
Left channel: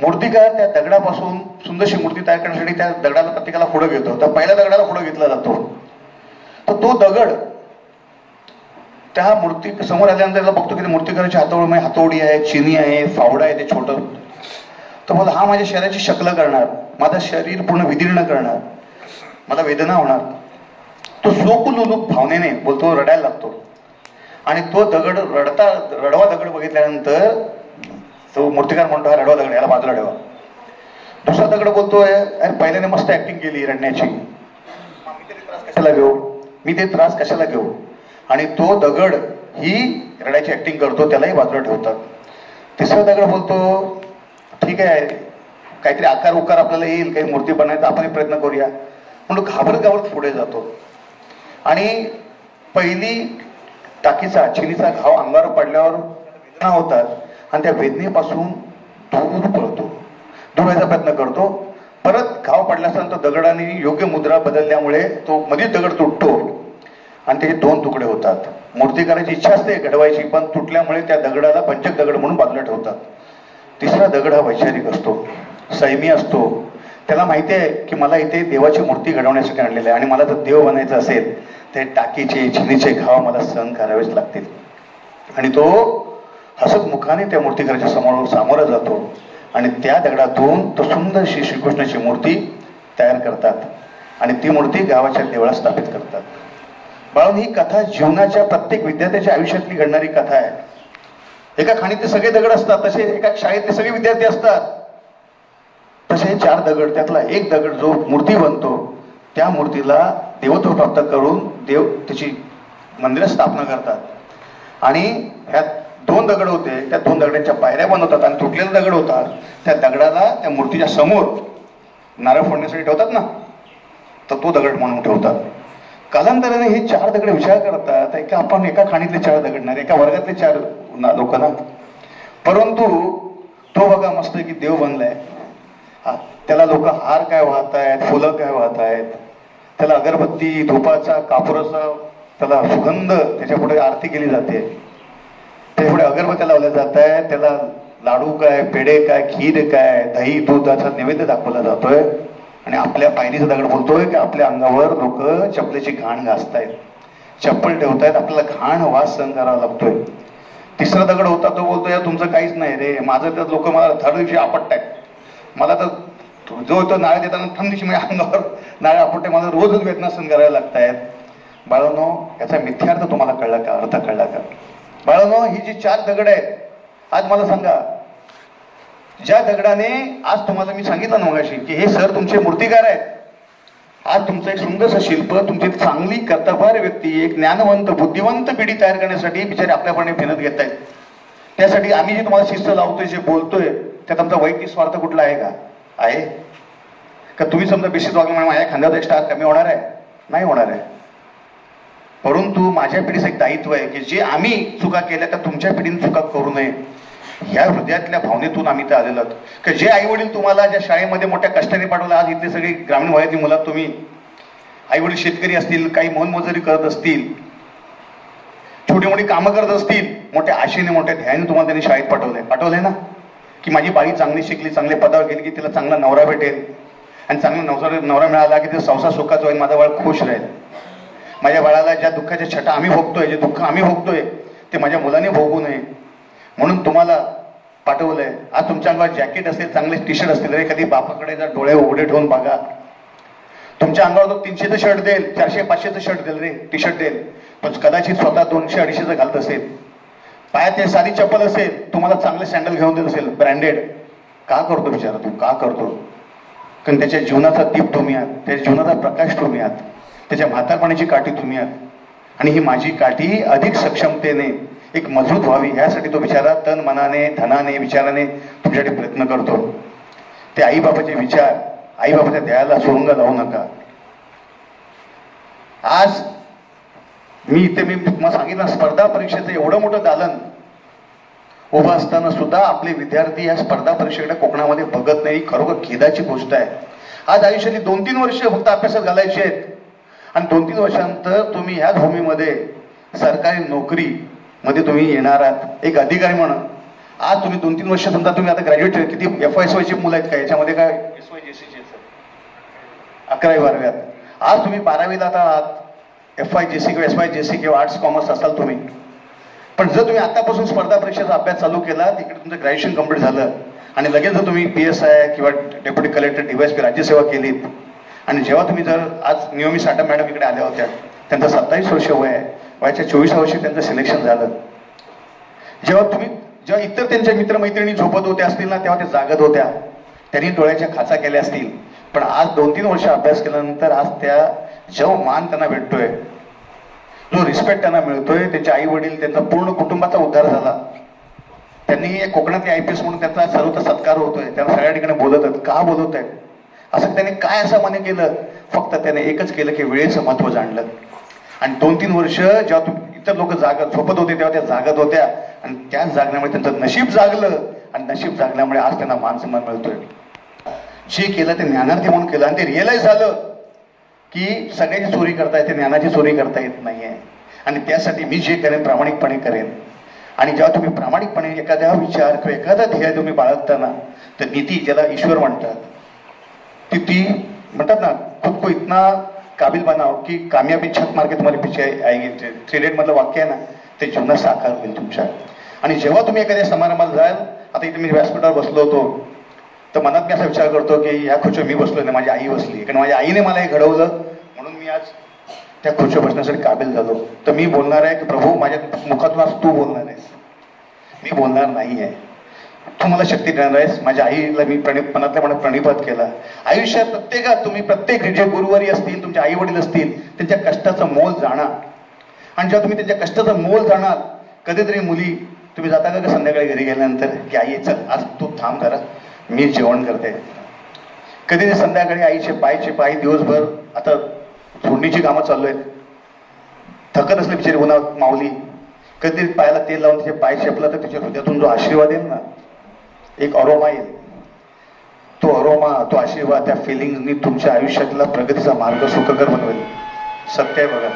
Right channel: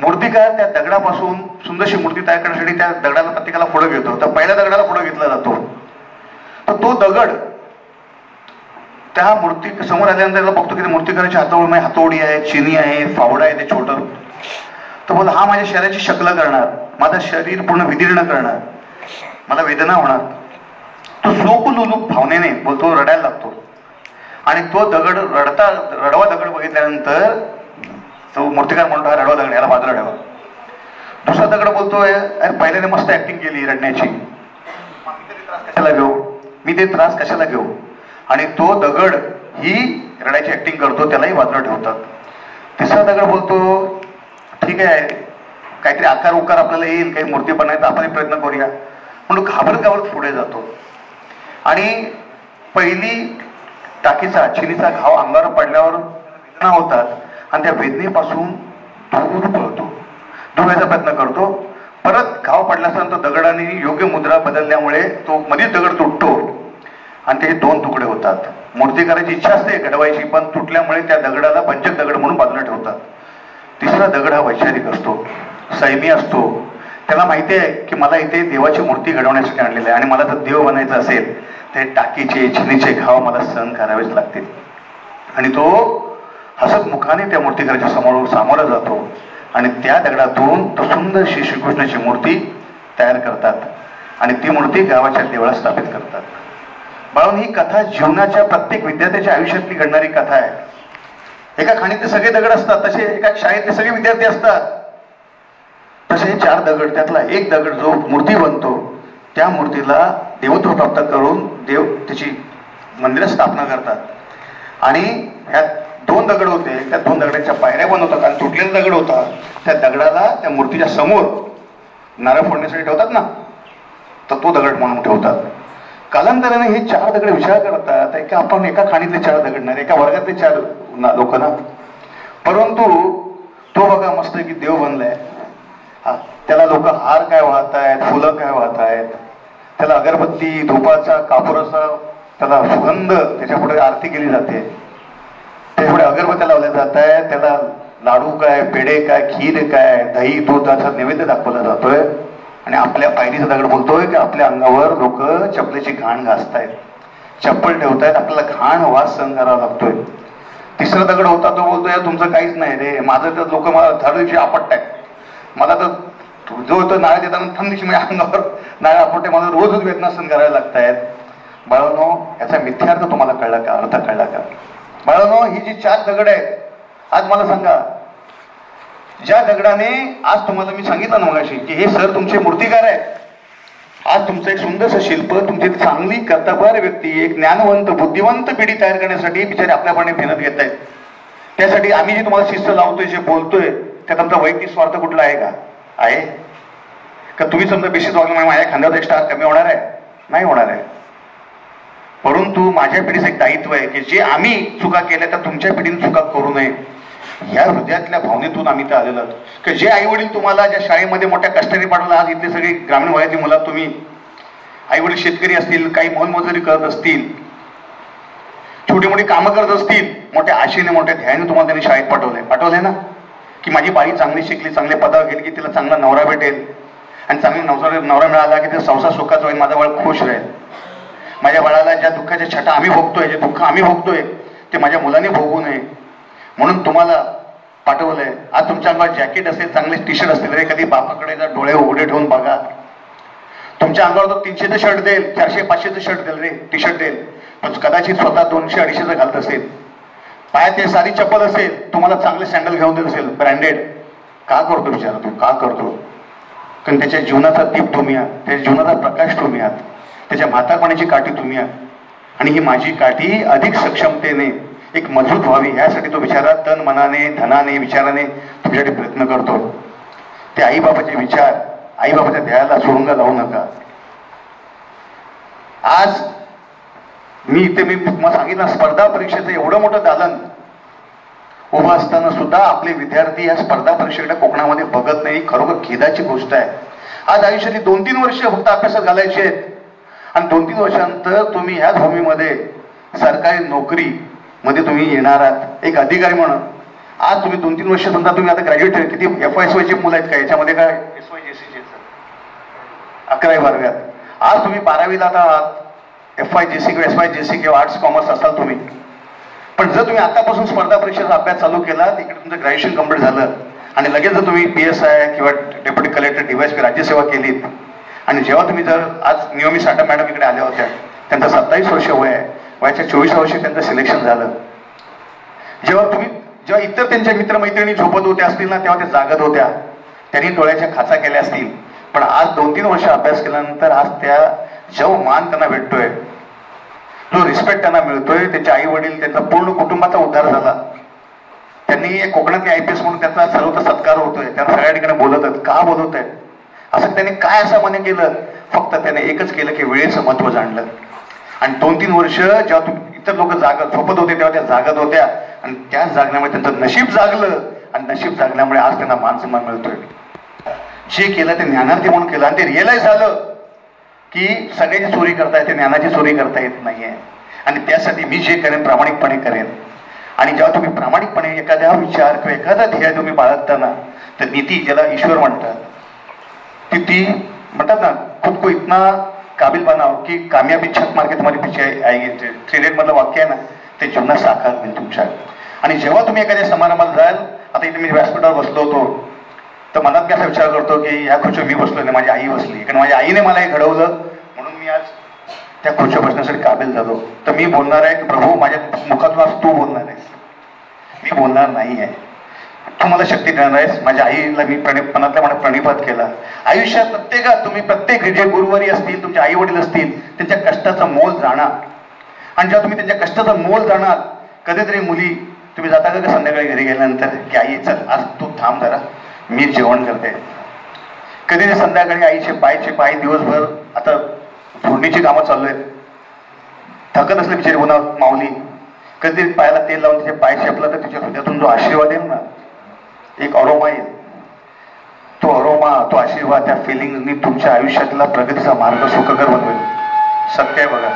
मूर्तिकार त्या दगडापासून सुंदरशी मूर्ती तयार करण्यासाठी त्या दगडाला प्रत्येकाला पुढे घेतो. तर पहिल्या दगडाला पुढे घेतला जातो. तर तो दगड त्या मूर्ती समोर आल्यानंतर बघतो की मूर्तिकाराच्या हातोडी आहे, चिनी आहे, फावडा आहे, ते छोटं. तर बोला, हा माझ्या शरीराची शक्ल करणार, माझं शरीर पूर्ण विदीर्ण करणार, मला वेदना होणार. तो सोपलुलूप भावनेने बोलतो, रडायला लागतो. आणि तो दगड रडवा दगड बघितल्यानंतर तो मूर्तिकार म्हणतो, हा रडवा दगड, याला बाजूला ठेवा. दुसरा दगड बोलतोय, अरे पहिल्याने मस्त ऍक्टिंग केली रडण्याची, मी ते त्रास कशाला घेऊ. आणि तो दगड ही रडायची ऍक्टिंग करतो, त्यालाही बाजूला ठेवतात. तिसरा दगड बोलतो, ठीक आहे, काहीतरी आकार उकार आपल्याला येईल, काही मूर्ती बनायचा आपण प्रयत्न करूया म्हणून घाबरत पुढे जातो. आणि पहिली टाकीचा, चिनीचा घाव अंगावर पडल्यावर वेदना होतात आणि त्या वेदनेपासून दूर पळतो, दूर व्हायचा प्रयत्न करतो. परत घाव पडल्यानंतर दगडाने योग्य मुद्रा बदलल्यामुळे तो मध्ये दगड तुटतो आणि त्याचे 2 तुकडे होतात. मूर्ती करायची इच्छा असते घडवायची, पण तुटल्यामुळे त्या दगडाला पंचक दगड म्हणून बाजूला ठेवतात. तिसरा दगड हा वैचारिक असतो, संयमी असतो. त्याला माहिती आहे की मला इथे देवाची मूर्ती घडवण्यासाठी आणलेलं आहे आणि मला जर देव बनायचं असेल तर टाकीचे छिनीचे घाव मला सहन करावेच लागतील. आणि तो हसत मुखाने त्या मूर्तिकाराच्या समोर सामोरा जातो आणि त्या दगडातून तो सुंदरशी श्रीकृष्णाची मूर्ती तयार करतात आणि ती मूर्ती गावाच्या देवळात स्थापित करतात. बाळून ही कथा जीवनाच्या प्रत्येक विद्यार्थ्याच्या आयुष्यातली घडणारी कथा आहे. एका खाणीतले सगळे दगड असतात, तसे एका शाळेतले सगळे विद्यार्थी असतात. तसे 4 दगड, त्यातला एक दगड जो मूर्ती बनतो त्या मूर्तीला देवत्व प्राप्त करून देव त्याची मंदिर स्थापना करतात. आणि ह्या 2 दगड होते, त्या 2 दगडांच्या पायऱ्या बनवतात आणि तुटलेला दगड होता त्या दगडाला त्या मूर्तीच्या समोर नारळ फोडण्यासाठी ठेवतात ना, तर तो दगड म्हणून ठेवतात. कालांतराने हे 4 दगड विचार करतात की आपण एका खाणीतले 4 दगड नाही, एका वर्गातले 4 लोक ना. परंतु तो बघा मस्त की देव बनलाय, त्याला लोक हार काय वाहत आहेत, फुलं काय वाहत आहेत, त्याला अगरबत्ती, धुपाचा, कापुराचा त्याला सुगंध, त्याच्या पुढे आरती केली जाते, त्याच्या पुढे अगरबत्त्या लावल्या जात आहेत, त्याला लाडू काय, पेढे काय, खीर काय, दही दुधाचा नैवेद्य दाखवला जातोय. आणि आपल्या पायरीचा दगड बोलतोय की आपल्या अंगावर लोक चपलेची घाण घासतायत, चप्पल ठेवतायत, आपल्याला घाण वास सहन करावा लागतोय. तिसरा दगड होता तो बोलतोय तुमचं काहीच नाही रे, माझं तर लोक मला थर्ड दिवशी आपटतायत, मला तर जो होतं नारळ देताना थंड दिवशी माझ्या अंगावर नारळ आपटते, मला रोजच वेदना सहन करायला लागतायत. बाळांनो, याचा मिथ्यार्थ तुम्हाला कळला का, अर्थ कळला का? बाळांनो, ही जी 4 दगड आहेत, आज मला सांगा, ज्या दगडाने आज तुम्हाला मी सांगितलं ना मगाशी की हे सर तुमचे मूर्तिकार आहेत, आज तुमचं एक सुंदरसं शिल्प, तुमची चांगली कर्तबगार व्यक्ती, एक ज्ञानवंत बुद्धिवंत पिढी तयार करण्यासाठी बिचारे आपल्यापणे मेहनत घेत आहेत. त्यासाठी आम्ही जे तुम्हाला शिस्त लावतोय, जे बोलतोय, त्यात आमचा वैयक्तिक स्वार्थ कुठला आहे का? आहे का? तुम्ही समजा बेसिस वागल्यामुळे माझ्या खांद्यावर एक स्टार कमी होणार आहे? नाही होणार आहे. परंतु माझ्या पिढीचं एक दायित्व आहे की जे आम्ही चुका केल्या त्या तुमच्या पिढीने चुका करू नये, ह्या हृदयातल्या भावनेतून आम्ही तर आलेलो आहोत. की जे आई वडील तुम्हाला ज्या शाळेमध्ये मोठ्या कष्टाने पाठवलं, आज इथले सगळे ग्रामीण वयातली मुलं, तुम्ही आई वडील शेतकरी असतील, काही मोलमजुरी करत असतील, छोटी मोठी कामं करत असतील, मोठ्या आशेने मोठ्या ध्यानाने तुम्हाला त्यांनी शाळेत पाठवलंय ना, की माझी बाई चांगली शिकली, चांगले पदावर गेली की तिला चांगला नवरा भेटेल आणि चांगला नवरा मिळाला की तिचा संसार सुखाचा होईल, माझा बाळ खुश राहील. माझ्या बाळाला ज्या दुःखाच्या छटा आम्ही भोगतोय, जे दुःख आम्ही भोगतोय ते माझ्या मुलाने भोगू नये म्हणून तुम्हाला पाठवलंय. आज तुमच्या अंगावर जॅकेट असेल, चांगले टी शर्ट असतील, रे कधी बापाकडे जर डोळे उघडे ठेवून बघा, तुमच्या अंगावर तो 300चं शर्ट देईल, 400-500चं शर्ट देईल रे, टी शर्ट देईल, पण कदाचित स्वतः 200-250चं घालत असेल. पायात ते साधी चप्पल असेल, तुम्हाला चांगले सँडल घेऊन देत असेल ब्रँडेड. का करतो विचार तू, का करतो? कारण त्याच्या जीवनाचा दीप तुम्ही आहात, त्याच्या जीवनाचा प्रकाश तुम्ही आहात, त्याच्या म्हातारपणाची काठी तुम्ही आहात. आणि ही माझी काठी अधिक सक्षमतेने एक मजबूत व्हावी यासाठी तो बिचारा तन मनाने, धनाने, विचाराने तुमच्यासाठी प्रयत्न करतो. ते आईबापाचे विचार, आईबापाच्या ध्येयाला सोडून लावू नका. आज मी तुम्हाला सांगितलं, स्पर्धा परीक्षेचं एवढं मोठं दालन उभं असताना सुद्धा आपले विद्यार्थी या स्पर्धा परीक्षेकडे कोकणामध्ये बघत नाही. खरोखर खेदाची गोष्ट आहे. आज आयुष्यातली 2-3 वर्ष फक्त अभ्यासात घालायची आहेत आणि 2-3 वर्षानंतर तुम्ही ह्याच भूमीमध्ये सरकारी नोकरी मध्ये तुम्ही येणार आहात एक अधिकारी म्हणून. आज तुम्ही 2-3 वर्ष समजा तुम्ही आता ग्रॅज्युएट, किती FY/SY मुलं आहेत का याच्यामध्ये? काय SY/JC 11वी-12वी. आज तुम्ही 12वीला आता FY/JC किंवा SY/JC किंवा आर्ट्स कॉमर्स असाल तुम्ही, पण जर तुम्ही आतापासून स्पर्धा परीक्षेचा अभ्यास चालू केला, तिकडे तुमचं ग्रॅज्युएशन कंप्लीट झालं आणि लगेच जर तुम्ही PSI किंवा डेप्युटी कलेक्टर, DYSP राज्यसेवा केलीत आणि जेव्हा तुम्ही जर आज नियमित साठा मॅडम इकडे आल्या होत्या, त्यांचं 27 वर्ष वय आहे, वयाच्या 24व्या वर्षी त्यांचं सिलेक्शन झालं. जेव्हा इतर त्यांच्या मित्रमैत्रिणी झोपत होत्या असतील ना, तेव्हा ते जागत होत्या, त्यांनी डोळ्याच्या खाचा केल्या असतील. पण आज 2-3 वर्ष अभ्यास केल्यानंतर आज त्या जो मान त्यांना भेटतोय, जो रिस्पेक्ट त्यांना मिळतोय, त्यांचे आई वडील, त्यांचा पूर्ण कुटुंबाचा उद्धार झाला. त्यांनी कोकणातले IPS म्हणून त्याचा सर्वत्र सत्कार होतोय, त्यांना सगळ्या ठिकाणी बोलत आहेत. का बोलत आहेत? असं त्यांनी काय असं म्हणे केलं? फक्त त्याने एकच केलं की वेळेचं महत्व जाणलं. आणि 2-3 वर्ष जेव्हा इतर लोक झोपत होते तेव्हा त्या जागत होत्या आणि त्याच जागण्यामुळे त्यांचं नशीब जागलं आणि नशीब जागल्यामुळे आज त्यांना मान सन्मान मिळतोय. जे केलं ते ज्ञानार्थी म्हणून केलं आणि ते रिअलाइज झालं की सगळ्याची चोरी करता येते, ज्ञानाची चोरी करता येत नाहीये आणि त्यासाठी मी जे करेन प्रामाणिकपणे करेन. आणि जेव्हा तुम्ही प्रामाणिकपणे एखाद्या विचार किंवा एखादा ध्येय तुम्ही बाळगताना, तर नीती ज्याला ईश्वर म्हणतात, ती म्हणतात ना, खुद को इतना काबिल बनाव की कामयाबी छत मार के तुम्हारे पीछे आएगी. 3 Idiots मधलं वाक्य आहे ना, ते जीवनात साकार होईल तुमच्या. आणि जेव्हा तुम्ही एखाद्या समारंभाला जाल, आता इथे मी व्यासपीठावर बसलो होतो, तर मनात मी असा विचार करतो की या खुर्चीवर मी बसलो नाही, माझी आई बसली, कारण माझ्या आईने मला हे घडवलं म्हणून मी आज त्या खुर्चीवर बसण्यासाठी काबिल झालो. तर मी बोलणार आहे की प्रभू, माझ्या मुखातून आज तू बोलणार आहेस, मी बोलणार नाही आहे. तू मला शक्ती देणार आहेस. माझ्या आईला मी मनातल्या मनात प्रणिपात केला. आयुष्यात प्रत्येकात तुम्ही प्रत्येक जे गुरुवारी असतील, तुमचे आई वडील असतील, त्यांच्या कष्टाचं मोल जाणार. आणि जेव्हा तुम्ही त्यांच्या कष्टाचं मोल जाणार, कधीतरी मुली तुम्ही जाता का संध्याकाळी घरी गेल्यानंतर की आई चल आज तू थांब जरा, मी जेवण करते. कधीतरी संध्याकाळी आईचे पाय दिवसभर आता फोडणीची कामं चालू आहेत, थकत असले बिचारी उन्हात माऊली, कधीतरी पायाला तेल लावून तिचे पाय चेपला तर तिच्या हृदयातून जो आशीर्वाद येईल ना, एक अरोमा येईल. तो अरोमा, तो आशीर्वाद, त्या फिलिंगनी तुमच्या आयुष्यातला प्रगतीचा मार्ग सुखकर बनवेल. सत्य आहे बघा.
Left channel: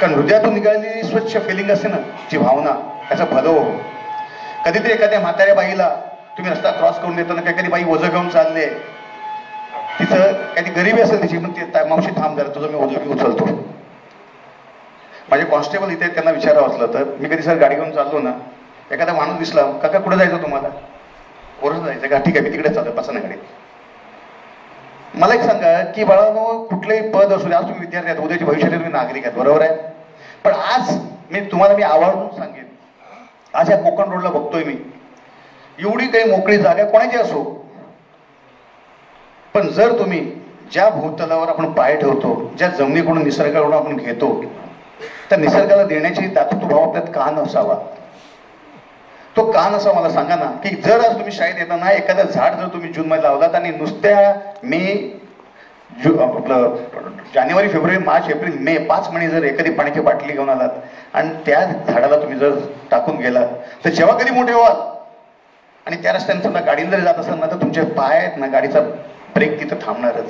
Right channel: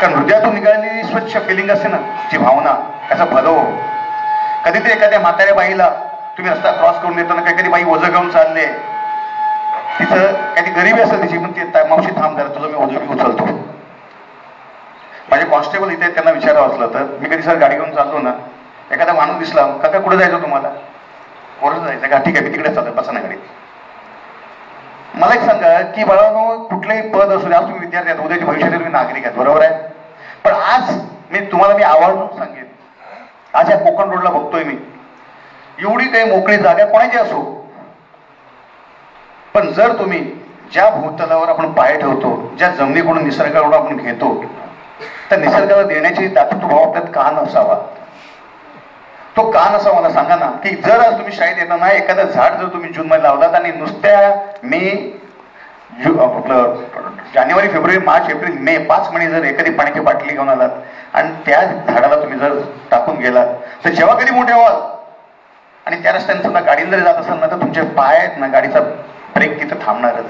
कारण हृदयातून निघालेली स्वच्छ फिलिंग असते ना, जी भावना, त्याचा भलो. कधीतरी एखाद्या म्हाताऱ्या बाईला तुम्ही रस्ता क्रॉस करून देताना काही बाई ओझं घेऊन चालले, तिचं काही गरिबी असेल तिची, पण ते मावशी थांब जरा, तुझं मी ओझं घेऊन चालतो. माझे कॉन्स्टेबल इथे, त्यांना विचारावं असलं तर, मी कधी सर गाडी घेऊन चाललो ना, एखादा माणूस दिसला, काका कुठे जायचं तुम्हाला, ओरच जायचं का, ठीक आहे मी तिकडे चालतोय, बसा ना गाडीत. मला एक सांगा की बाळांनो, कुठलंही पद असू द्या, आज तुम्ही विद्यार्थी आहात, उद्याच्या भविष्यात तुम्ही नागरिक आहेत, बरोबर आहे. पण आज मी आवर्जून सांगेन, आज या कोकण रोडला बघतोय मी, एवढी काही मोकळी जागा कोणाची असो, पण जर तुम्ही ज्या भूतलावर आपण पाय ठेवतो, ज्या जमिनीकडून निसर्गाकडून आपण घेतो, तर निसर्गाला देण्याची दातृत्वभाव आपल्यात का नसावा. तो का नसा मला सांगा ना. की जर आज तुम्ही शाळेत येताना एखादं झाड जर तुम्ही जूनमध्ये लावलात आणि नुसत्या आपलं जानेवारी, फेब्रुवारी, मार्च, एप्रिल, मे 5 महिने जर एखादी पाण्याची बाटली घेऊन आलात आणि त्या झाडाला तुम्ही जर टाकून गेलात, तर जेव्हा कधी मोठे व्हाल आणि त्या रस्त्याने समजा गाडीने जरी जात असाल ना, तर तुमचे पाय आहेत ना, गाडीचा ब्रेक तिथं थांबणारच.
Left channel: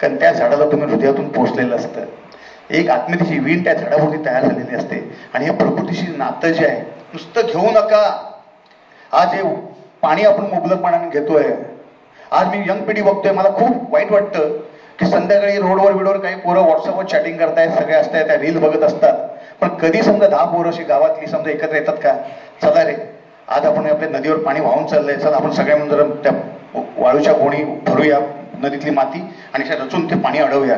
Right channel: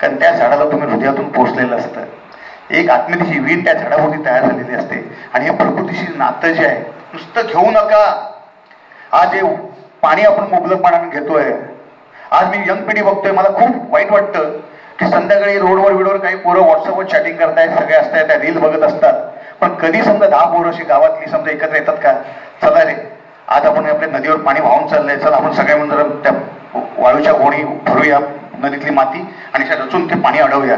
कारण त्या झाडाला तुम्ही हृदयातून पोचलेलं असतं. एक आत्महत्येची वीण त्या झाडावरती तयार झालेली असते. आणि हे प्रकृतीशी नातं जे आहे, नुसतं घेऊ नका. आज हे पाणी आपण मुबलकपणाने घेतोय. आज मी यंग पिढी बघतोय, मला खूप वाईट वाटतं की संध्याकाळी रोडवर काही पोरं व्हॉट्सअपवर चॅटिंग करतायत, सगळे असतायत, त्या रील बघत असतात. पण कधी समजा 10 पोरं अशी गावातली समजा एकत्र येतात का, चला रे आज आपण आपल्या नदीवर पाणी वाहून चाललंय, चला आपण सगळे म्हणून जरा त्या वाळूच्या गोणी भरूया, नदीतली माती, आणि रचून ते पाणी अडवूया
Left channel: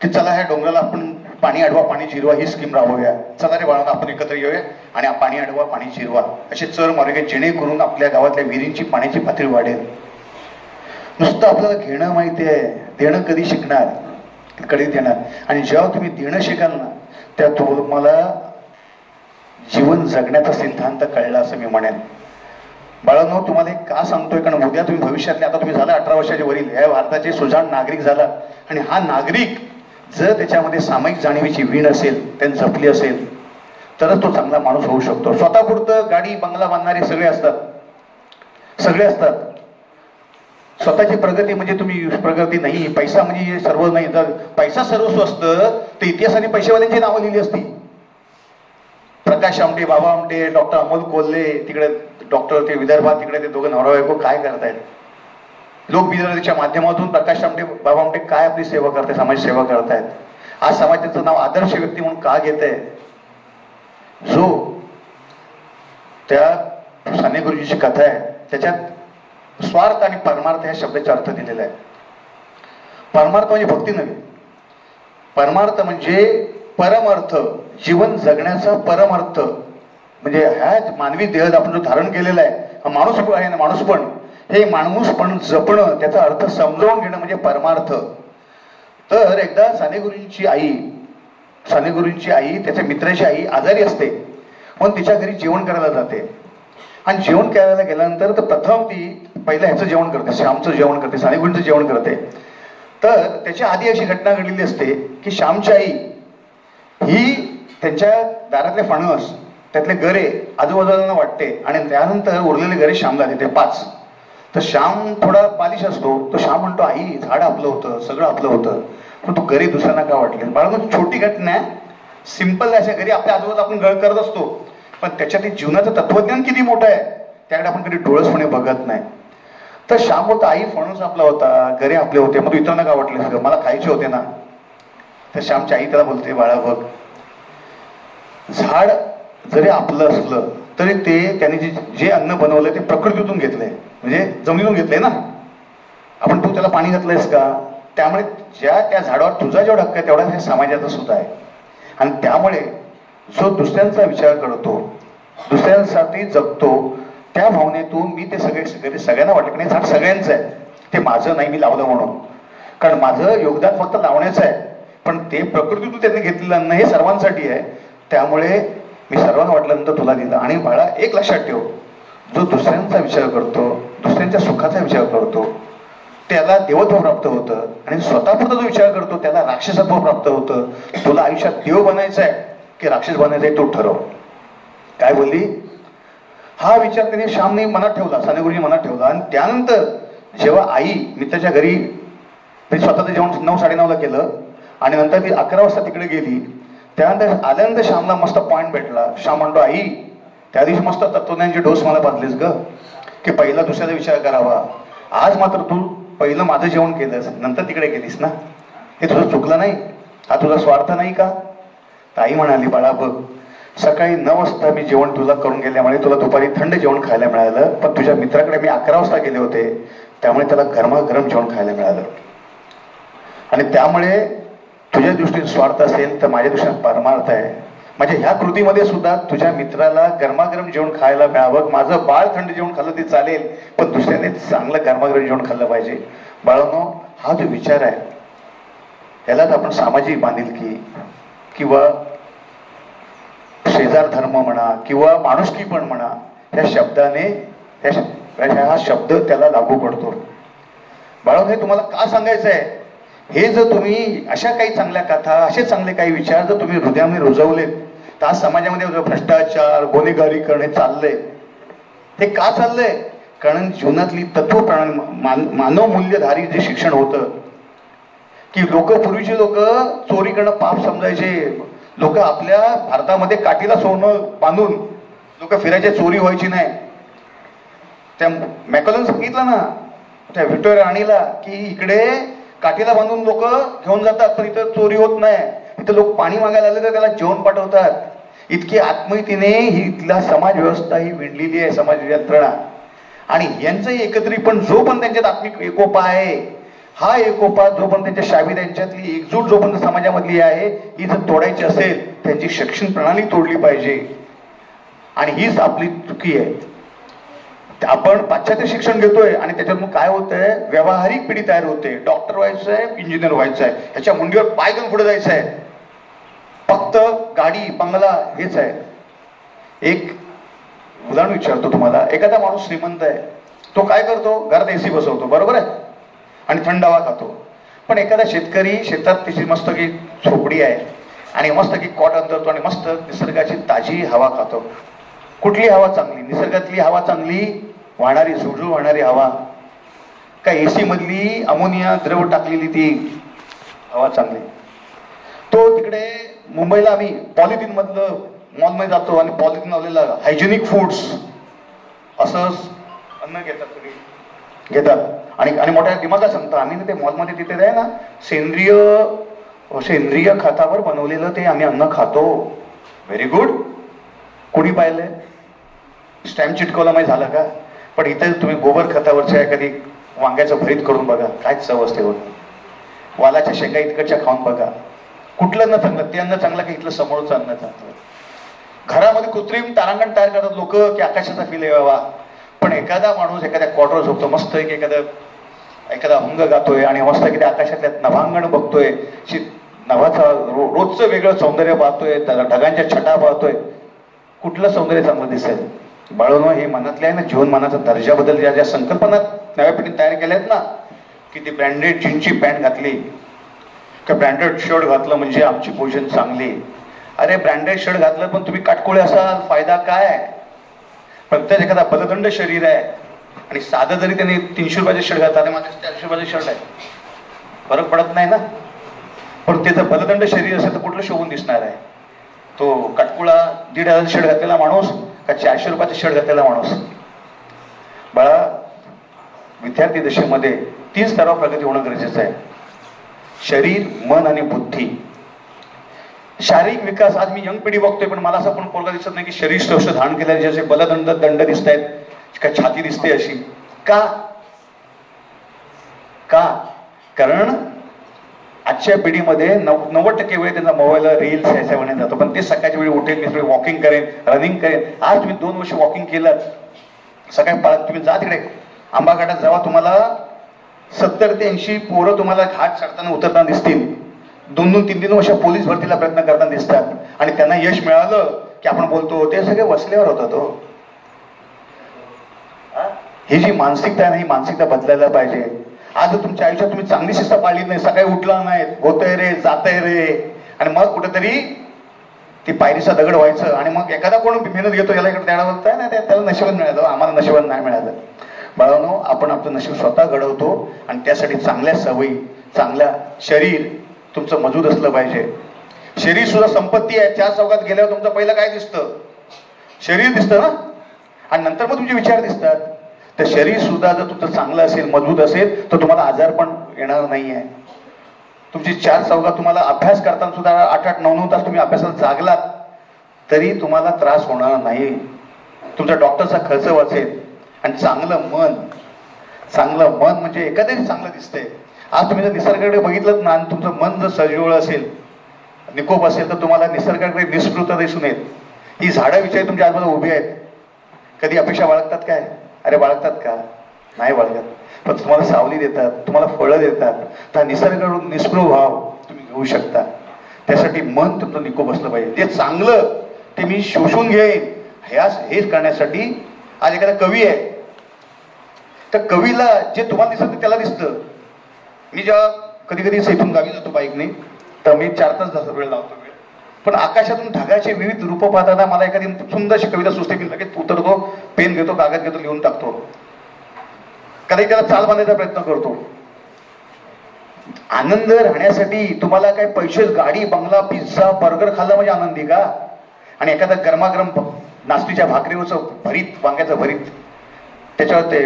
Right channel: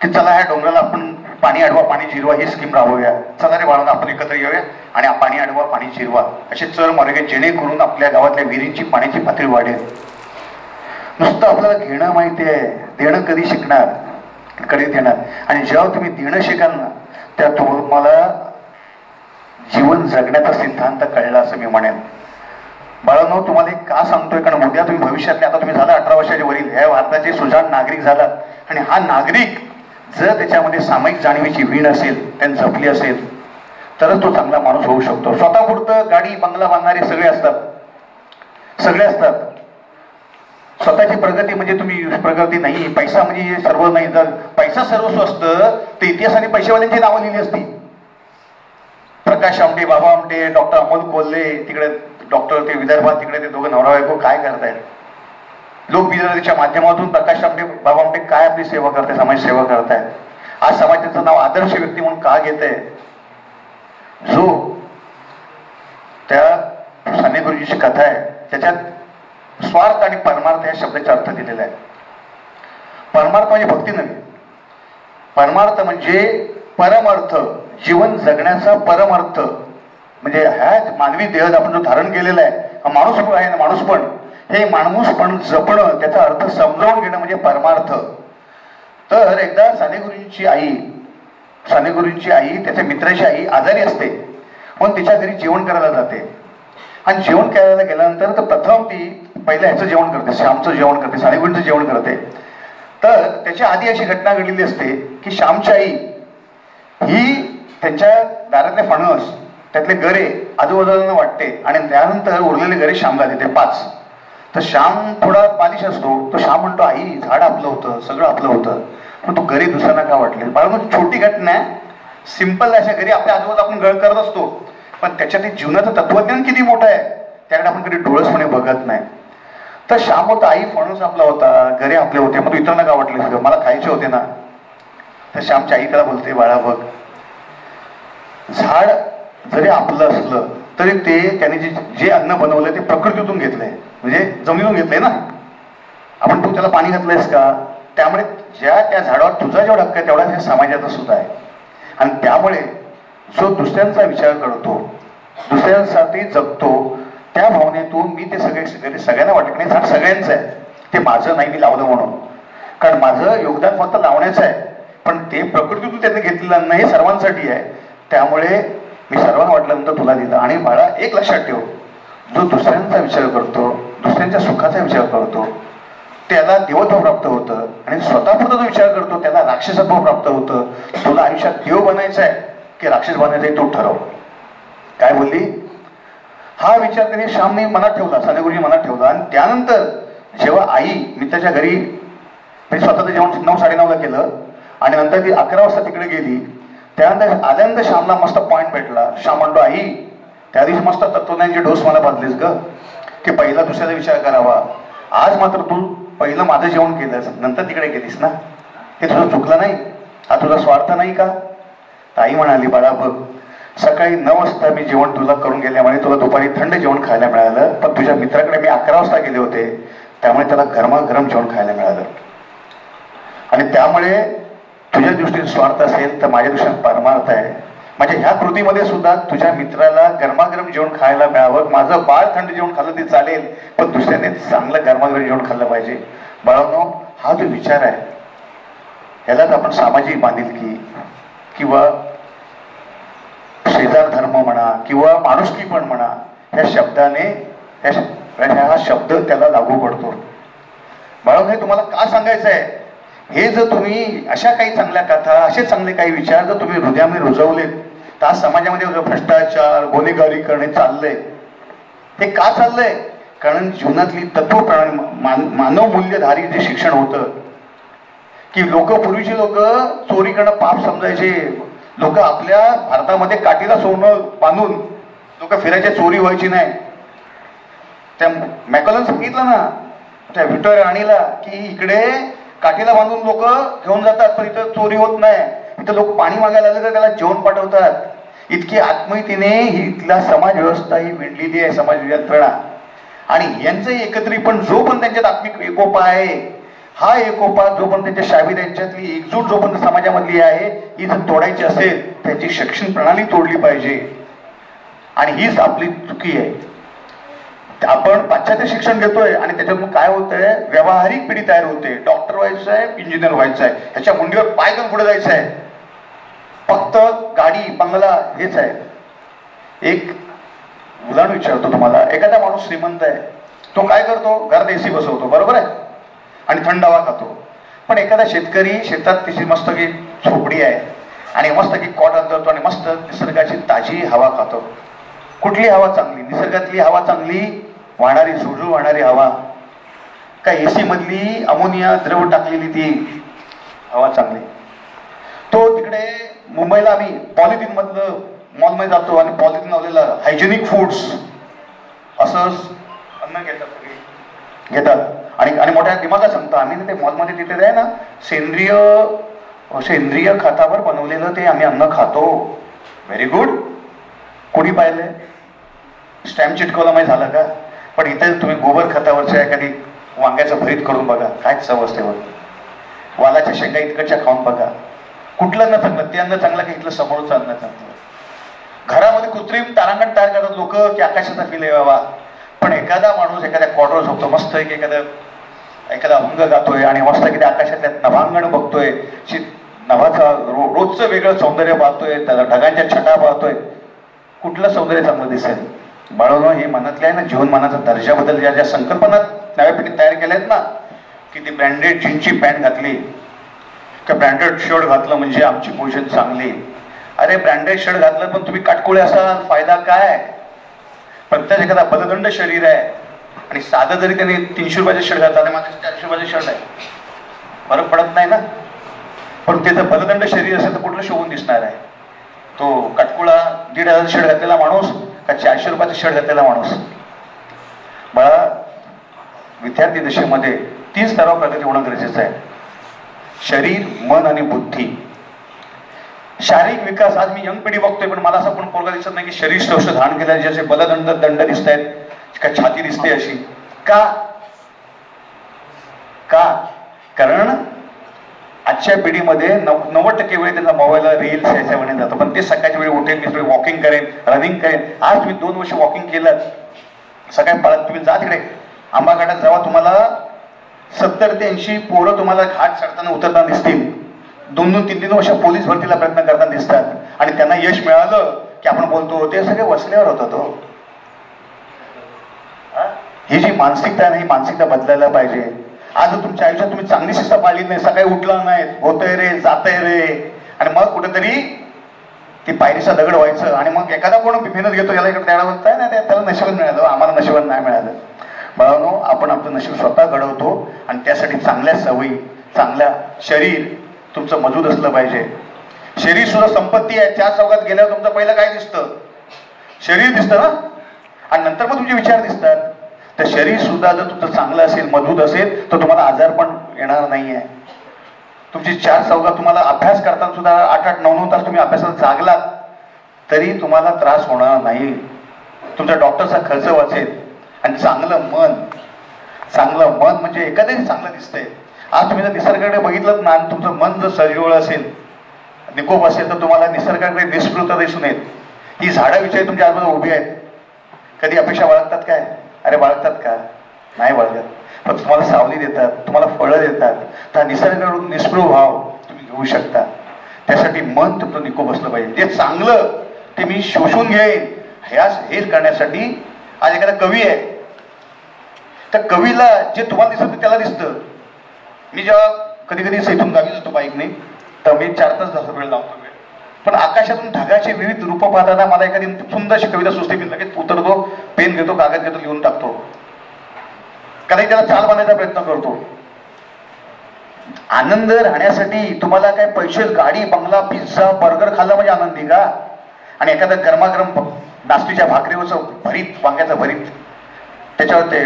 की चला ह्या डोंगराला आपण पाणी अडवा, पाणी जिरवा ही स्कीम राबवूया. चला रे बाळांनो, आपण एकत्र येऊया आणि पाणी अडवा, पाणी जिरवा असे चर मार्ग, जेणेकरून आपल्या गावातल्या विहिरींची पाण्याची पातळी वाढेल. नुसतं आपल्याला घेणं माहिती आहे, देणं कधी शिकणार, कधी देणार. आणि जेव्हा तुम्ही देणं शिकाल ना, त्या तुम्हाला जीवन जगण्याचा सिद्धांत कळला असं मी म्हणेन. बाळांनो, तुम्हाला एक का सांगतोय, कारण उद्या तुम्ही भविष्यातले, आता तुम्ही झाला 18 वर्षाच्या वरील, ह्या भारताचे सुजाण नागरिक झालात. आणि हा नागरिक जर त्याच्यामध्ये सामायिक जाणीवेची वीण असेल, त्यांनी जपली असेल, तरच तो चांगला माणूस होऊ शकतो. स्वतःपुरतं गाडी बंगला बांधणारे सगळे असतात. स्वतःची प्रगती म्हणजे तुम्ही प्रगती नाही, पैसा म्हणजे सर्व नाही. जर पैसा सर्वस्व असतं तर इतिहासाने पैसेवाल्यांची नावं लिहिली असती. प्रकाश आमटे, बाबा आमटे, डॉक्टर अमोल कोल्हे, तिकडे डॉक्टर ते विदर्भात, तिकडे ते दोघं नवरा बायको काय करतायत. लोकविधानाच्या माध्यमातून प्रकाश आमटे, बाबा आमटे काय आपली सेवा करतायत, समाज सेवा करतायत. आज समाजाचं नाव आदर्श व्यक्ती म्हणून का घेत आहे. जो त्या साने गुरुजीची कथा आहे, त्याच्यात स्वार्थ आणि परमार्थ या शब्दाचा अर्थ दिलेला आहे. परमार्थ म्हणजे भक्ती नव्हे, परमार्थ म्हणजे परमर्थ, जीवन जगण्याचा परमर्थ. म्हणजे ह्या मानवी देह आपण जो धारण केलेला आहे, माणूस आहे ना, माणूसपण, हे माणूसपण जपणं, त्याचा अर्थ समजावून घेणं म्हणजे परमार्थ. तर एकदा साने गुरुजींची आई त्याच्या मित्राची आई आजारी असते, म्हणून तिच्या घरी जेवण करायला जाते. आणि जेवण करायला गेल्यानंतर तर प्रथम ती पहिल्या ह्याचं जेवण करते, श्यामचं जेवण करते, साने गुरुजींचं जेवण करते. तर त्याच्या आधी अशी घटना घडलेली असते की श्यामची आई ही त्यांच्या दारातले फणस, त्यातले गरे आजूबाजूला वाटते, आणि त्यानंतर उरलेले गरे श्यामला देते 5. तर श्याम थोडा बालिश असतो. तो श्याम म्हणतो, आई झाड आपलं होतं, सगळं आपलं होतं, पण तू गरे दुसऱ्यांना का वाटले. बाळा छोटी घटना आहे, सिंपल अशा घरी आपल्या आजूबाजूला आपण गळ करत असतो, पण त्याच्यात जीवनाचं तत्वज्ञान किती मोठं आहे त्याकडे आपण कधी डोळसपणे बघत नाही. तर श्याम होता, आई फणस आपला होता, घरी आपले होते, मग इतरांना का वाटले सगळं मला खायचे होते ना. तर श्यामची आई त्याला बोलते, बाळा बघ, झाड जरी आपलं असलं तरी ते त्याने जे अन्न बनवलंय ते प्रकृतीतून घेतलंय, म्हणजे जमिनीतून घेतलंय ना. आपण तू त्याला पाणी घातलंयस का? त्यामुळे त्या झाडावर तुझा जेवढा हक्क आहे तेवढा ह्या समाजाचा सुद्धा आहे. आणि त्यामुळे जो दुसऱ्यांचा विचार करतो, दुसऱ्यांसाठी जगतो, त्या भावनेतून मी ते सगळ्यांना वाटलं की नाही झाड सगळ्यांचं आहे, ते माझं नाही मी लावलं म्हणून. कारण माझं योगदान फक्त लावण्याचं आहे, पण ते प्रकृतीतून त्यांनी घेतलेलं अन्न हे सर्वांसाठी आहे. त्यामुळे मी सर्वांना वाटल्यानंतर तुला दिलं. आणि बाळा एक लक्षात ठेव, जो दुसऱ्यांचा विचार करतो, दुसऱ्यांच्या सुखाचा विचार करतो, त्याला देवत्व प्राप्त होतं. आणि स्वतःपुरता जो विचार करतो त्याला राक्षसत्व प्राप्त होतं. तुला आयुष्यात देव बनायचं आहे की राक्षस बनायचं आहे तू ठरव. काय बोलली? हा विचार त्याने श्यामने मनात ठेवला, साने गुरुजी मनात ठेवला. आणि त्यानंतर जेव्हा आई मित्राच्या घरी स्वतःचं जेवण 9-9:30ला केलं आणि नंतर ती 11 वाजता तिकडे गेली, त्यानंतर आल्यानंतर श्यामला मस्त पॉइंट भेटला. श्याम म्हणतो, आई त्या दिवशी मस्त तत्वज्ञानची डोस मला बांधलीस ग, की पहिला दुसऱ्याचा विचार करावा. आज मात्र तू पहिलं माझं जेवण केलंस, नंतर तिकडे गेलीस ना, हे तुझं चुकलं नाही? हा तुझा स्वार्थ नाही का? ताई म्हणाली, बाळा बघ, सकाळी 9 वाजता मी जेवण तुला करून गेल्यामुळे तुला दुपारी थंड जेवण खायला मिळालं, पण तुझ्या मित्राकडे मी 11 वाजता गेले होते त्यामुळे त्याला गरमागरम जेवण खायला मिळालं. आणि त्यामुळे तुझ्या दृष्टीने स्वार्थ असेल तर माझ्या दृष्टीने परमार्थ आहे. म्हणजे ह्या कृतीमध्ये सुद्धा तुझ्या मित्राला गरमागरम जेवण खायला मिळावं. माझं बाळ थंड जेवण खाल्लं ते चालेल, पण दुसऱ्याने चांगलं गरमागरम जेवण खाल्लं पाहिजे. बाळांनो, हा जो विचार आहे यालाच आपण सामाजिक बांधिलकी किंवा शेजार धर्म म्हणा किंवा माणुसकी पण म्हणा, ह्या शब्दाने हा शब्द त्याला लागू पडतो. बाळांनो, हे तुम्हाला का सांगायचं आहे? हे जर तुम्ही अशा काही चांगल्या कथा, असे चांगले काही विचार जर तुम्ही हृदयामध्ये रुजवलेत तर आज समाजामध्ये भ्रष्टाचार, गुन्हेगारी करणे चाललंय. हे का चाललंय? कारण जीवनातली मानव मूल्यधारी जे शिक्षण होतं, की पूर्वीचे लोक चोरी करणं पाप समजायचे. लोक आपल्या भारतामध्ये काठीला सोनं बांधून लोक फिरायचे, चोरी व्हायची नाही. त्या मॅकॉलन सांगितलं ना त्या व्हिक्टोरिया राणीला, की इकडे काठीला बांधून लोक घेऊन जातात तर इथं चोरी होत नाही. इथं लोक पाणी मागायला आले तर त्याला जेवण पाठवतात. इतकी आत्मीयतेने ही इथला समाज व्यवस्था ही विणलेली आहे, समाज यंत्रणा. आणि यांचंही एकत्रित, पण जो पण त्यांच्यात आत्मिक एकोपा आहे, हा एकोपा जो पण त्यांच्या शाबी त्यांच्यातली एकजूट जो पण समाजामधली आहे, ही जर तोडायची असेल त्यांची शिक्षण प्रणाली तोडली पाहिजे. आणि हीच आपली चुकी आहे. आपण पाश्चात्य शिक्षण घेतोय आणि त्याच्यातून काय होतंय, व्यावहारिक पिढी तयार होते. डॉक्टर व्हायचं आहे, इंजिनियर व्हायचं आहे, ह्याच्या मुंडीवर पाय घेऊन पुढे जायचं आहे. फक्त गाडी बंगला हेच आहे. एक उदाहरण विचारतो तुम्हाला. एखादा माणूस श्रीमंत आहे, तो काय करतो? घरात एसी बसवतो, बरोबर आहे, आणि थंड हवा खातो. पण एखादा शेतकरी शेतात तिची मस्त की झोपडी आहे आणि मस्त की कॉटन करतो आणि मस्त निसर्गाची ताजी हवा खातो. कुठली हवा चांगली? निसर्गातली हवा चांगली, वाहणारी सुळसुळ वाहणारी हवा, का एसी मधली अमोनिया द्रव टाकलेली ती हवा चांगली? तो तिकडे मुंबईला आम्ही पॉलिथिन मधलं मॉलमध्ये जातो आणि पॉलिथिन लावलेलं हायजेनिक फूड्स असं अन्न घेतात आणि मोठ्या दिमागात सांगतो आम्ही ते मॉलमध्ये तिथे आहे ना, सेंद्रिय खतावर बनवलेलं ते आम्ही अन्न खातो. Very good. कोणी पाहिलंय? स्टॅम्प चिटकवला माहिती झालं का? पण इथे तुम्ही गोबर खतावरच्या एखादी वांग्याचं भरीत करून बघा, काय चव असते बघ. वालाच्या शेंगा इतकडच्या खाऊन बघा, कुठलं अन्न चांगलं? ते अन्न चांगलं की इथलं समोरचं अन्न चांगलं? घरामध्ये कृत्रिम तारांगण तयार करतात लोक की आकाशाचा फील यावा. पण एखादा माणूस एखाद्या क्वार्टर झोपतो, मस्त एखादा अंग गातोय आणि मस्त की आकाशातल्या नभांगण बघतोय, नभाचा रोजचं वेगळं सौंदर्य पाहतोय, त्याला ढगांच्या छटा पाहतोय. कुठलं सौंदर्य चांगलं दिसेल? बाळवणं, हे मनातल्या आहे ना, जीवनमानाचा दर्जाबद्दल ज्या संकल्पना नव्या पिढीत तयार केल्या आहेत ना, की ती ब्रँडेड जीन्सची पॅन्ट घातली, त्या ब्रँडेड शर्ट घातलं म्हणजे आमची पोझिशन चांगली. अरे ब्रँडेड शर्ट घातलं पण तुम्ही काटकोळे असाल, फायदा काय? प्रत्येक एखादा बलदंड शरीर आहे आणि साधं जरी त्याने 300 रुपयाचे शर्ट घातला आणि माझं 400 रुपयाचे शर्ट आहे, फरक पडत नाही ना. पण त्याचं बलदंड शरीर असेल तर कुठलं शोभून दिसणार आहे? तो कटकुळा 1,500 शर्ट घातलेला माणूस का 400 रुपयाचा शर्ट घातलेला माणूस? बाळा, विद्यार्थी दशेमध्ये 3 स्तरावर प्रगती होणं गरजेचं आहे. शरीर, मन आणि बुद्धी. शारीरिक विकास, आज मी यंग पिढी बघतोय, पण मला असं पण पोरगा दिसत नाही की शरीर सौष्ठ धारण केलं, ज्याचे दंड दिसत आहेत, का छाती दिसते अशी. का? कारण आजच्या पिढीमध्ये 90% वेळ त्यांचा मोबाईलला रील्स याच्यामध्ये जातो. पण ते सकाळच्या वेळी उठेल, मी वॉकिंग करेन, रनिंग करेन. आज तुम्ही 2 वर्ष वॉकिंग केलं, सकाळी पाळत तुम्ही जा तिकडे आंबा घाटात जावा, तुम्हाला 70 ते 80 पोरं तुम्हाला घाट चढताना उतरताना दिसतील. 2-3 वर्ष पोलीस भरतीला प्रयत्न करताना दिसतात. आणि त्यांना यश मिळालं की आपण बोलतो ते सगळे वसल्यावर होतं. तो ही जी मानसिकता आहे ना, ही मानसिकता बदलायला पाहिजे. आज तुमच्या आयुष्यात तुम्ही चांगली शिस्त पाळली नाही, सकाळी उठला नाही, होतंय रे, जातंय रे, आणि मग कुठेतरी ती पायरीचा दगड व्हायचं. आणि मग एखादा कोण मेहनत घेतो, याला इकडे द्यायला बघताय ना, त्याला नशिबात मिळालं, आम्हाला नशिबात नाही मिळालं. बाळांनो, आपण आपलं नशीब स्वतः घडवतो. आणि त्यासाठी चांगल्या सवयी, चांगल्या शरीर तुमचं मजबूत असलं पाहिजे. शरीर सुद्धा संपत्ती आहे. 4 चौकात गेल्यावर तुमचं पहिलं काय दिसतं? शरीर दिसतं ना, आणि नंतर मग तुमचे विचार दिसतात. तर शरीर सुद्धा जर तुमचं चांगलं असेल, मजबूत असेल, तर तुम्हाला आजार पण येणार नाहीये. तुमची 4 चौकात तुम्हाला अभ्यास करताना सुद्धा 8-8, 9-9 तास तुम्ही अभ्यासात जागलात तरी तुम्हाला त्रास होणार नाही. तुमच्या डॉक्टरचा खर्च वाचेल. आणि चांगलं मन म्हणजे एखाद्याने चांगलं दिसतंय. आज तुम्ही जर निसर्गाकडे बघितलं ना, तुमचं मन जर सजीवळ असेल, निकोप असेल, तर तुम्हाला निसर्गाकडे निष्कृत दिसून येईल. ही झाडं विषयी तुमच्या आजूबाजूला उभी आहेत. कधी अपेक्षा बाळगतात काय? अरे बाळगतात का? नाही बाळगत. पण तुम्हाला सावली देतात, तुम्हाला फळं देतात. तर निसर्गाकडून निष्कृत भाव तुम्ही घेऊ शकता. त्यासाठी मन तुमचं निकोप असलं पाहिजे. ते चांगलं ते मी शोषून घेईन, हे करण्यासाठी आज एखादा कवी आहे, त्या कवीला जे तुम्हाला दिसतं त्याला दिसतं. मी जेव्हा कधी कधी इथून गावी जातो बाईकने, तर मी 4 तास वेळ लावतो. पण आकाशातून ढगाचे विविध रूप पाहताना मला एखादी सुंदरशी कविता सुचते, मी लगेच उतरतो, पेन घेतो, कागद घेतो, लिहून टाकतो. कधी त्याला चाल बांधायचा प्रयत्न करतो. आनंद राहण्यासाठी तुम्हाला काय पैसे, गाडी, बंगला, पिझ्झा, बर्गर खाल्ला म्हणजे आनंदी का? आणि एखादा गरमागरम नास्तीच्या भाकरीवरचं भरीत, वांग्याचं भरीत, त्याच्यावर ते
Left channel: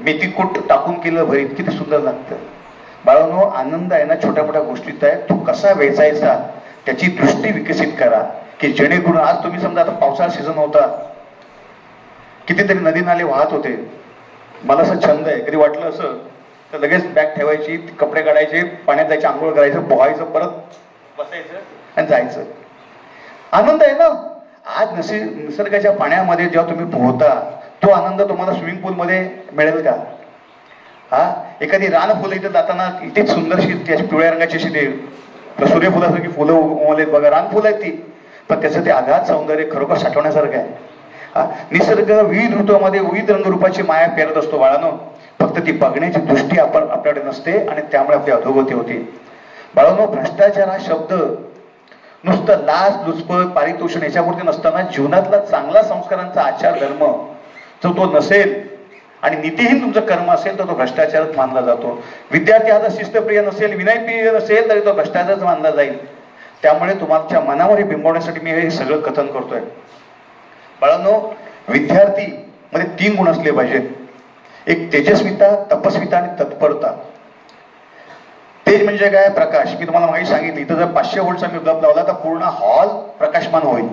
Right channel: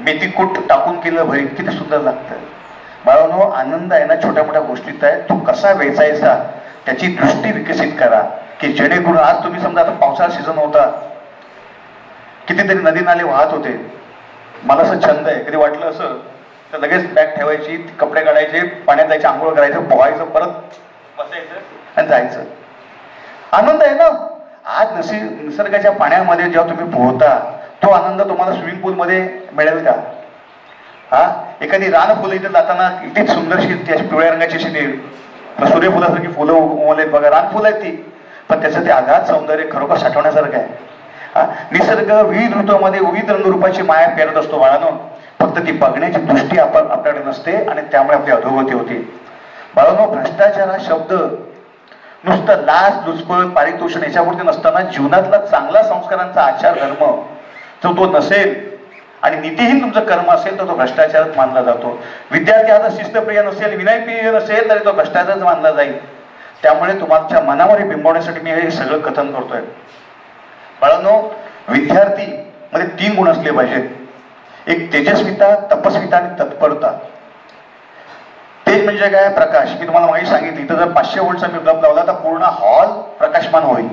मेथी कूट टाकून केलेलं भरीत किती सुंदर लागतं. बाळांनो, आनंद आहे ना छोट्या मोठ्या गोष्टीत आहे. तो कसा वेचायचा त्याची दृष्टी विकसित करा, की जेणेकरून आज तुम्ही समजा आता पावसाळा सीझन होता, कितीतरी नदी नाले वाहत होते. मला असं छंद आहे, कधी वाटलं असं तर लगेच बॅग ठेवायची, कपडे काढायचे, पाण्यात जायचे, आंघोळ करायचं, पोहायचं, परत बसायचं आणि जायचं. आनंद आहे ना. आज निसर्गाच्या पाण्यामध्ये जेव्हा तुम्ही पोहता, तो आनंद तुम्हाला स्विमिंग पूल मध्ये मिळेल का? एखादी रानफुलं इथे जाताना इतकी सुंदरशी त्याची पिवळ्या रंगाची अशी सूर्यफुलासारखी फुलं उमवलेत बघा, रानफुलं आहेत ती, पण त्याचं ते आघात सौंदर्य खरोखर साठवण्यासारखं आहे. निसर्ग विविध ऋतूमध्ये विविध रंगरूपाची माया पेरत असतो बाळांनो. फक्त ती बघण्याची दृष्टी आपल्याकडे नसते आणि त्यामुळे आपली अधोगती होते. बाळांनो, भ्रष्टाचार हा शब्द नुसतं लाच, लुचपत, पारितोषण याच्यापुरते नसताना जीवनातला चांगला संस्कारांचा आचार धर्म जो तो नसेल आणि नीतिहीन तुमचं कर्म असेल तर तो भ्रष्टाचारच मानला जातो. विद्यार्थी हा जर शिस्तप्रिय नसेल, विनयप्रिय नसेल तरी तो भ्रष्टाचारच मानला जाईल. त्यामुळे तुमच्या मनावर बिंबवण्यासाठी मी हे सगळं कथन करतोय. बाळांनो, विद्यार्थी मध्ये 3 गुण असले पाहिजेत. एक तेजस्विता, तपस्विता आणि तत्परता. तेज म्हणजे काय? प्रकाश. मी तुम्हाला माहिती सांगितली, इथं जर 500 व्होल्टचा मी बल्ब लावला तर पूर्ण हॉल प्रकाशमान होईल,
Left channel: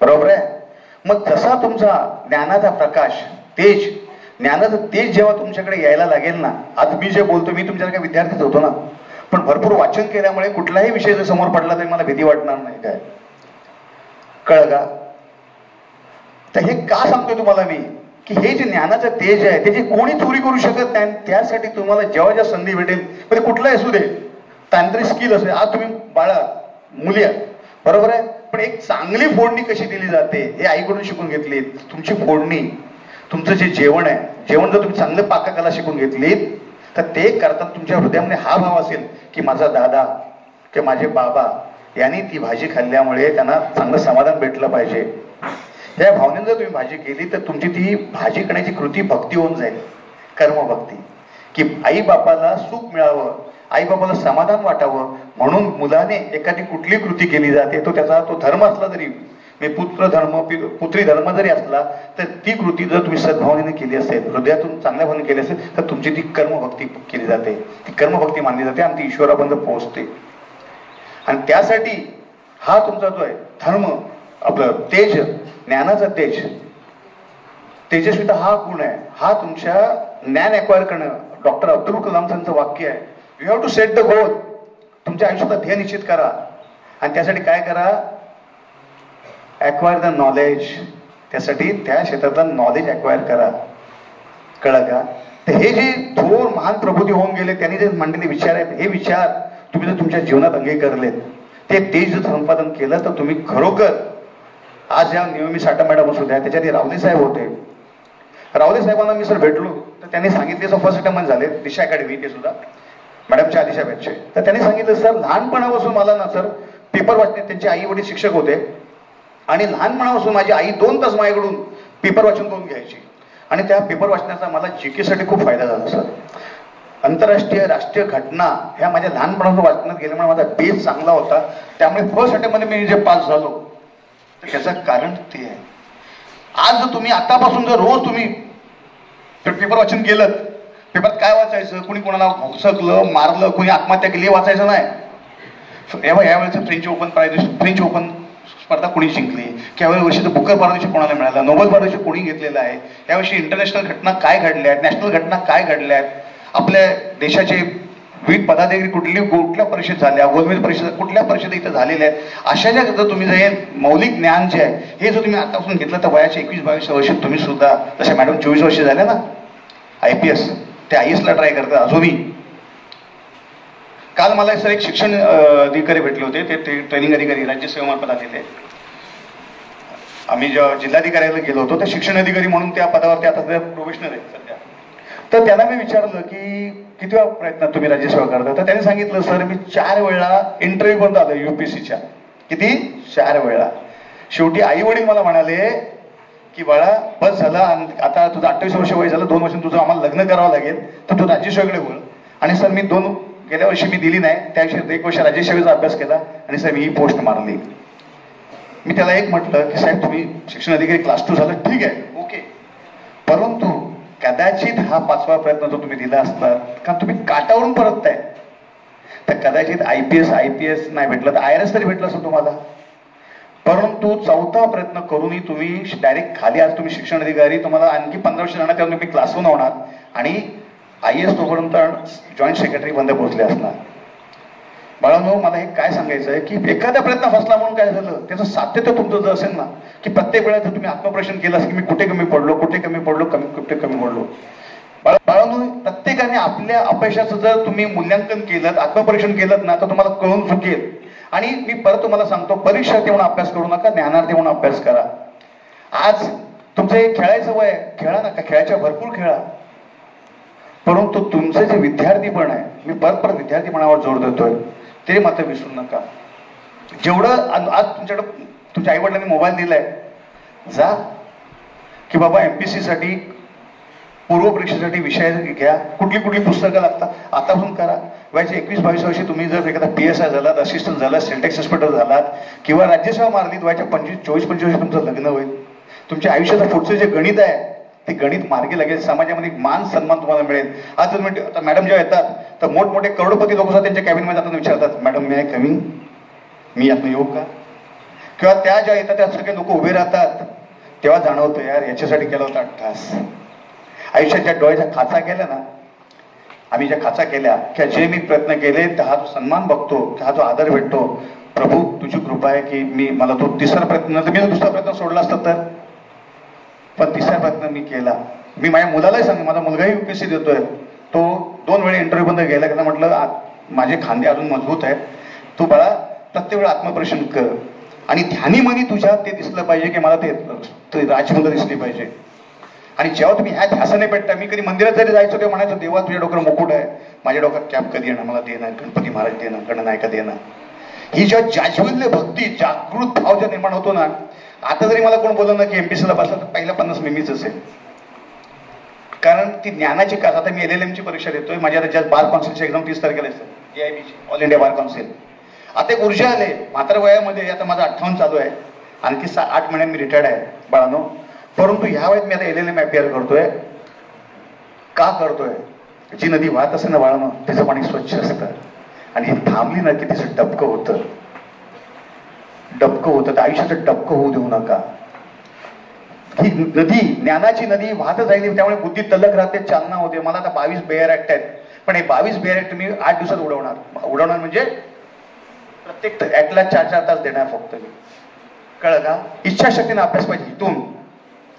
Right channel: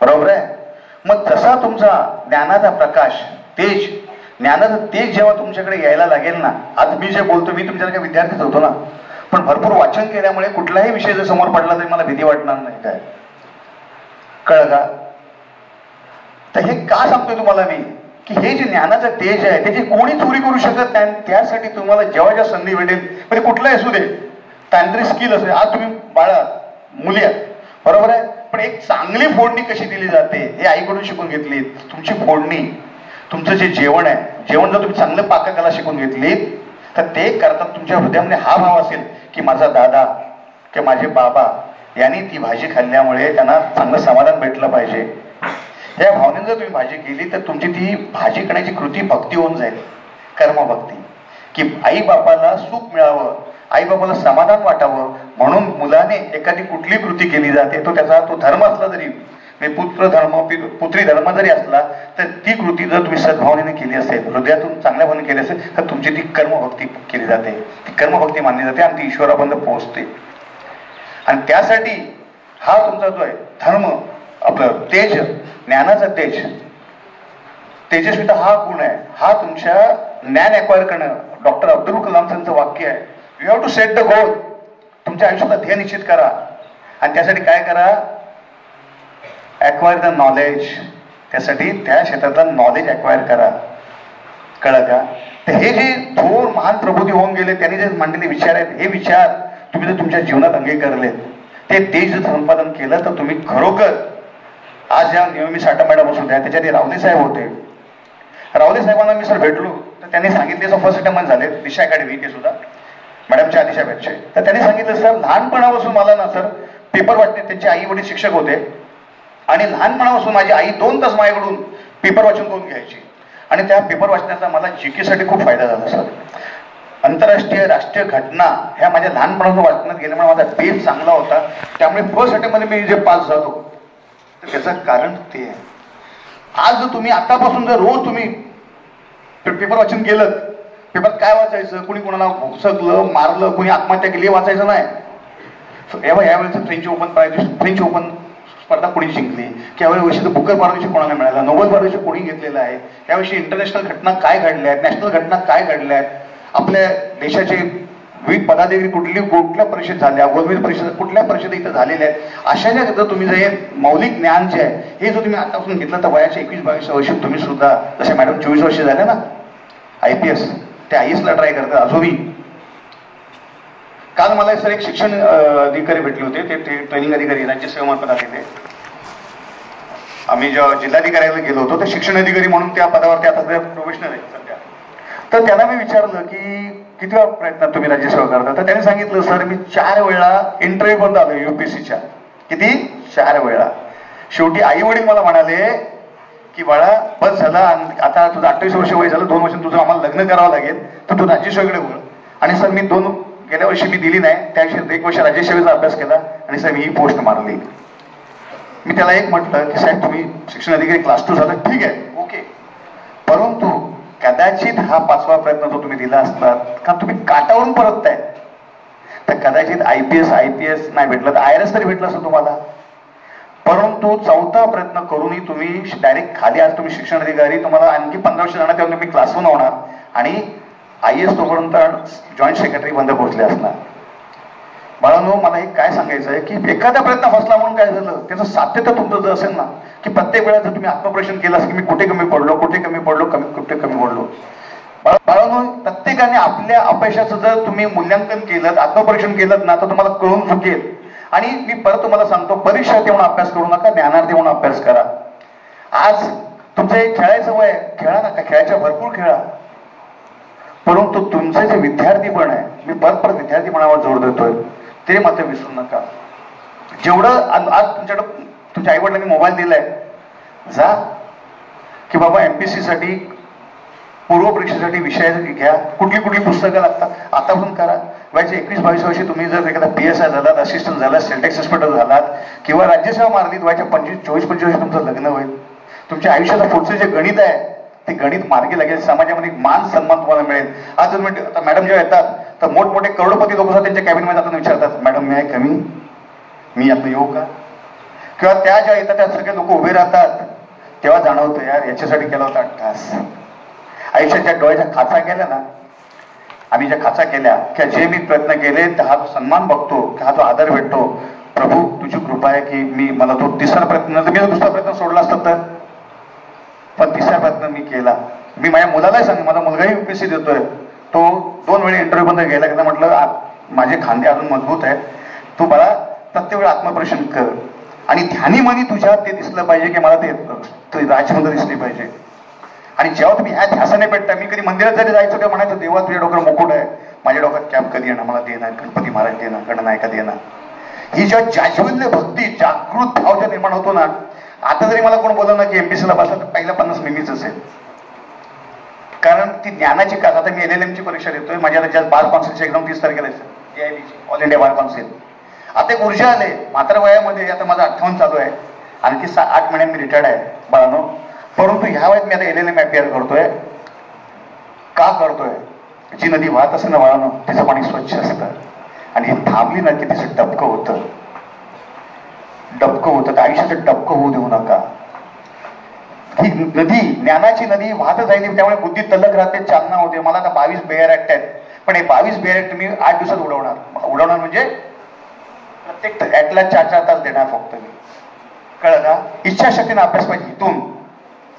बरोबर आहे? मग जसा तुमचा ज्ञानाचा प्रकाश, तेज, ज्ञानाचं तेज जेव्हा तुमच्याकडे यायला लागेल ना, आज मी जे बोलतो, मी तुमच्याकडे विद्यार्थीच होतो ना, पण भरपूर वाचन केल्यामुळे कुठलाही विषय जर समोर पडला तरी मला भीती वाटणार नाही. काय कळलं का? तर हे का सांगतोय तुम्हाला मी, की हे जे ज्ञानाचं तेज आहे त्याची कोणी चोरी करू शकत नाही. त्यासाठी तुम्हाला जेव्हा जेव्हा संधी भेटेल, म्हणजे कुठलाही असू दे, तांत्रिक स्किल असू दे. आज तुम्ही बाळा मुली आहात, बरोबर आहे, पण एक चांगली फोडणी कशी दिली जाते हे आईकडून शिकून घेतली. तुमची फोडणी, तुमचं जे जेवण आहे, जेवण जर तुम्ही चांगलं पाककला शिकून घेतलीत तर ते करताना तुमच्या हृदयामध्ये हा भाव असेल की माझा दादा किंवा माझे बाबा यांनी ती भाजी खाल्ल्यामुळे त्यांना चांगलं समाधान भेटलं पाहिजे. या भावनेने जर तुम्ही भाजी केली तर तुमची ती भाजी करण्याची कृती भक्ती होऊन जाईल, कर्मभक्ती, की आई बापाला सुख मिळावं आई बाबाला समाधान वाटावं म्हणून मुलाने एखादी कुठली कृती केली जाते, तो त्याचा तो धर्म असला तरी, पुत्र धर्म पुत्री धर्म जरी असला, तर ती कृती जर तुम्ही सद्भावनेने केली असेल, हृदयातून चांगल्या भावने केली असेल, तर तुमची ती कर्मभक्ती केली जाते, ती कर्मभक्ती मानली जाते आणि ती ईश्वरापर्यंत पोहोचते. आणि त्यासाठी हा तुमचा जो आहे धर्म, आपलं तेज, ज्ञानाचा तेज, तेजस्विता हा गुण आहे, हा तुमच्या ज्ञान एक्वायर करणं. डॉक्टर अब्दुल कलाम यांचं वाक्य आहे, you have to set the goal. तुमच्या आयुष्याचा ध्येय निश्चित करा आणि त्यासाठी काय करा, एक्वायर द नॉलेज. त्यासाठी त्या क्षेत्रातलं नॉलेज एक्वायर करा. कळलं का? तर हे जे थोर महान प्रबोधी होऊन गेले, त्यांनी जे मांडलेले विचार आहेत, हे विचार तुम्ही जर तुमच्या जीवनात अंगीकारलेत, ते तेज जर संपादन केलं, तर तुम्ही खरोखर आज या नियमी साठा मॅडम असू द्या, त्याच्यात रावले साहेब होते. रावले साहेबांना मी सर भेटलो, तर त्यांनी सांगितले, सर फर्स्ट अटेम्प्ट झाले दिशा अकॅडमी, ते सुद्धा मॅडमच्या आदिशा बॅचचे. तर त्यांनी सांगितलं, सर लहानपणापासून मला ना सर पेपर वाचणे, त्यांचे आई वडील शिक्षक होते आणि लहानपणापासून माझी आई 2 तास माझ्याकडून पेपर वाचून करून घ्यायची आणि त्या पेपर वाचण्याचा मला जीके साठी खूप फायदा झाला सर. आंतरराष्ट्रीय राष्ट्रीय घटना ह्या माझ्या लहानपणापासून वाचण्यात गेल्यामुळे माझा बेस चांगला होता. त्यामुळे फर्स्ट अटेम्प्टमध्ये मी जे पास झालो, तर त्याचं कारण ते आहे. आज जर तुम्ही आतापासून जर रोज तुम्ही पेपर वाचन केलं, पेपरात काय वाचायचं, कुणी कोणाला भोसकलं, मारलं, कुणी आत्महत्या केली, वाचायचं नाही. यावेळेचं फ्रेंच ओपन स्पर्धा कोणी जिंकली, यावेळी वर्षीचं बुकर पारितोषिक कोणाला मिळालं, नोबेल पारितोषिक कोणी घेतलेलं आहे, यावर्षी इंटरनॅशनल घटना काय घडल्या आहेत, नॅशनल घटना काय घडल्या आहेत, आपल्या देशाचे विविध पदाधिकारी कुठल्या परिषद झाल्या, गोलमेज परिषद कुठल्या परिषद इथं झालेल्या आहेत. अशा ज्या जर तुम्ही जे मौलिक ज्ञान जे आहे, हे जर तुम्ही आतापासून घेतलं, तर वयाच्या 21-22 वर्षी तुम्ही सुद्धा, जसे मॅडम 24 वर्ष झाले ना IPS, ते IAS ला ट्राय करतात अजूनही. काल मला सर एक शिक्षण अधिकारी भेटले होते, ते ट्रेनिंग अधिकारी राज्यसेवेमार्फत आलेले. आम्ही जेव्हा जिल्हाधिकाऱ्याला गेलो होतो, तर शिक्षण अधिकारी म्हणून त्या पदावरती आता ते प्रोफेशनल आहे सध्या. तर त्यांना मी विचारलं की किती वेळा प्रयत्नात तुम्ही राज्यसेवा करता, तर त्यांनी सांगितलं, सर मी 4 वेळा इंटरव्ह्यू बंद आलो UPSCच्या. किती? 4 वेळा. शेवटी आई वडील मला म्हणाले की बाळा बस झाला, आता तुझं 28 वर्ष वय झालं, 2 वर्षांनी तुझं आम्हाला लग्न करावं लागेल, तर तू राज्यसेवेकडे वळ. आणि सर मी गेल्या वर्षी मी दिली नाही, त्याविषयी 1 वर्ष राज्यसेवेचा अभ्यास केला आणि सर मी ही पोस्ट मारली. मी त्याला एक म्हटलं की साहेब तुम्ही शिक्षण अधिकारी क्लास 2 झालं, ठीक आहे, ओके, परंतु कदाचित हा 5वा प्रयत्न जो तुम्ही दिला असता, कारण तुम्ही काटावरून परतताय, तर कदाचित IPS नाही भेटलं तर IRS तरी भेटलं असं तुम्हाला. परंतु 4था प्रयत्न करूनही तुम्ही डायरेक्ट खाली, आज तुम्ही शिक्षण अधिकारी, तुम्हाला आणखी 15 वर्ष जाणार, तेव्हा तुम्ही क्लास 1 होणार आणि IAS तोपर्यंत जॉईंट सेक्रेटरी बंद पोहोचले असणार. बाळांनो, मला हे काय सांगायचं आहे की एखादा प्रयत्न फसला म्हणून काय झालं, त्याचं सातत्य तुमचं जर असेल ना, की प्रत्येक वेळा जर तुम्ही आत्मपरीक्षण केलं की मी कुठे कमी पडलो, कुठे कमी पडलो. बाळांनो, प्रत्येकाने आपल्या अपयशाचं जर तुम्ही मूल्यांकन केलं, आत्मपरीक्षण केलं ना, तर तुम्हाला कळून चुकेल. आणि मी परत तुम्हाला सांगतो, परीक्षार्थी म्हणून अभ्यास करू नका, ज्ञानार्थी म्हणून अभ्यास करा. आज तुमचं एक खेळायचं वय, खेळा नका, खेळायच्या भरपूर खेळा, परंतु तुमचे जे विद्यार्थीपण आहे, मी परत विद्यार्थीपणावर जोर देतोय, ते मात्र विसरू नका. जेवढं आज तुमच्याकडे तुमच्या आई वडिलांनी मोबाईल दिलाय, जा की बाबा MPSC साठी, पूर्व परीक्षेसाठी विषय घ्या, कुठली पुस्तकं लागतात आतापासून करा. वयाच्या 21-22 वर्षी तुम्ही जर एखादा PSI झालात, असिस्टंट झालात, सेल्टेक्स इन्स्पेक्टर झालात किंवा राज्यसेवा मारलीत, वयाच्या 24-25 वर्षी तुमचं लग्न होईल. तुमच्या आयुष्याचं पुढचं जे गणित आहे, ते गणित मार्गी लागेल, समाजामध्ये मान सन्मान तुम्हाला मिळेल. आज आता मॅडम जेव्हा येतात, तर मोठमोठे करोडपती लोक सुद्धा त्यांच्या कॅबिनमध्ये जाताना विचारतात, मॅडम मी आहे कमी, मी यातनं येऊ का? किंवा त्या ज्या येतात त्या सगळे लोक उभे राहतात, तेव्हा जाणवतं यार याच्यासाठी केला होता 8 तास. आयुष्यात ज्या डोळ्याच्या खाचा केल्या ना, आम्ही ज्या खाचा केल्या, किंवा जे मी प्रयत्न केले, तर हा सन्मान बघतो, हा जो आदर भेटतो, प्रभू तुझी कृपा आहे की मला तो 3रा प्रयत्न, मी दुसरा प्रयत्न सोडला असता तर, पण 3रा प्रयत्न मी केला. मी माझ्या मुलालाही सांग, माझा मुलगाही UPSC देतोय, तो 2 वेळा इंटरव्ह्यू बंद गेला, की म्हटलं माझे खांदे अजून मजबूत आहेत, तू बाळा प्रत्येक वेळा आत्मपरीक्षण कर आणि ध्यानी मनी तुझ्यात ते दिसलं पाहिजे की मला ते राजमुलं दिसली पाहिजे. आणि जेव्हा तुम्ही ह्या ध्यासाने पेटता, मी कधी मंदिरात जरी जायचो तेव्हा म्हणायचं, देवा तुझ्या डोक्यावर मुकुट आहे, माझ्या डोक्यात कॅप कधी येणार, मला देणार, गणपती महाराज देणार, गणनायका देणार. ही जेव्हा जाज्वल्य भक्ती, जागृत भाव ज्या निर्माण होतो ना, आता जरी मला कोण बोलवलं ना की MPSCला बसला, तर पहिल्या 50 मीच असेल. कारण ती ज्ञानाची का, आता मी LLM ची परीक्षा देतोय, माझ्या आता बार कॉन्सल्टची एक्झाम 30 तारखेला आहे. AIB all India bar council. आता एक ऊर्जा आले म्हाताऱ्या वयामध्ये. आता माझा 58 चालू आहे, आणखी 8 महिन्यात मी रिटायर्ड आहे बाळांनो. परंतु ह्या वेळेत मी आता LLM IPR करतोय. का करतोय? जी नदी वाहत असेल ना बाळांनो, तिचं पाणी स्वच्छ असतं, आणि ही थांबली ना की तिचं डबकं होतं. तर आयुष्याचं डबकं होऊ देऊ नका. ही नदी, ज्ञानाची नदी वाहतच राहिली, त्यामुळे बुद्धी तल्लक राहते, चालना होते. मला आता 22 बेअर ऍक्ट आहेत, पण हे 22 बेअर ऍक्ट तुम्ही 8 दिवसात उडवणार म्हणजे प्रत्येक ऍक्टला 4-4 तास देणार फक्त मी. कळलं का? इच्छाशक्तीने अभ्यास पाहिजे इथून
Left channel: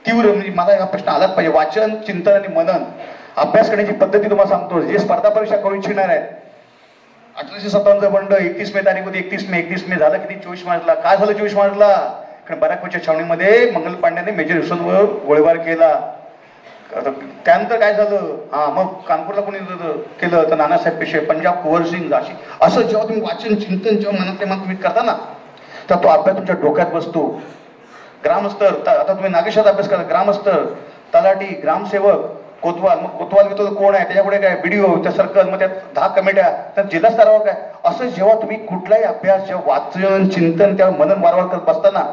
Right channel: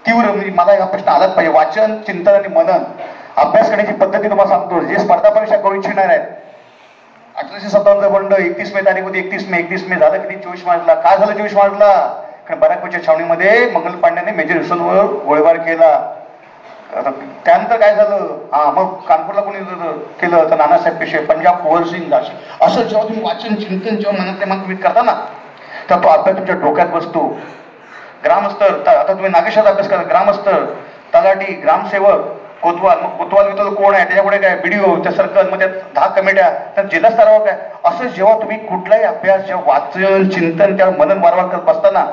तीव्र. म्हणजे मला हा प्रश्न आलाच पाहिजे. वाचन, चिंतन आणि मनन अभ्यास करण्याची पद्धती तुम्हाला सांगतो. जे स्पर्धा परीक्षा करू इच्छिणार आहेत, 1857 बंड 31 मे तारीख होती. 31 मे झालं किती? 24 मार्चला. काय झालं 24 मार्चला? कारण बराकपूरच्या छावणीमध्ये मंगल पांड्याने मेजर यशवंतवर गोळीबार केला. त्यानंतर काय झालं? मग कानपूरला कोणी केलं तर नानासाहेब पेशवे, पंजाब कुंवर सिंग, झाशी. असं जेव्हा तुम्ही वाचन, चिंतन जेव्हा मनातले मग तुम्ही करता ना, तर तो अभ्यास तुमच्या डोक्यात बसतो. ग्रामस्तर, आता तुम्ही नागेशाचा अभ्यास करा. ग्रामस्तर, तलाठी, ग्रामसेवक, कोतवाल. मग कोतवाल कोण आहे? त्याच्यापुढे काय? BDO, त्या सर्कल, मग त्यात 10 कमिट्या, त्यात जिल्हा स्तरावर काय. असं जेव्हा तुम्ही कुठलाही अभ्यास, जेव्हा वाचन, चिंतन, त्यावर मनन वारंवार करत बसताना,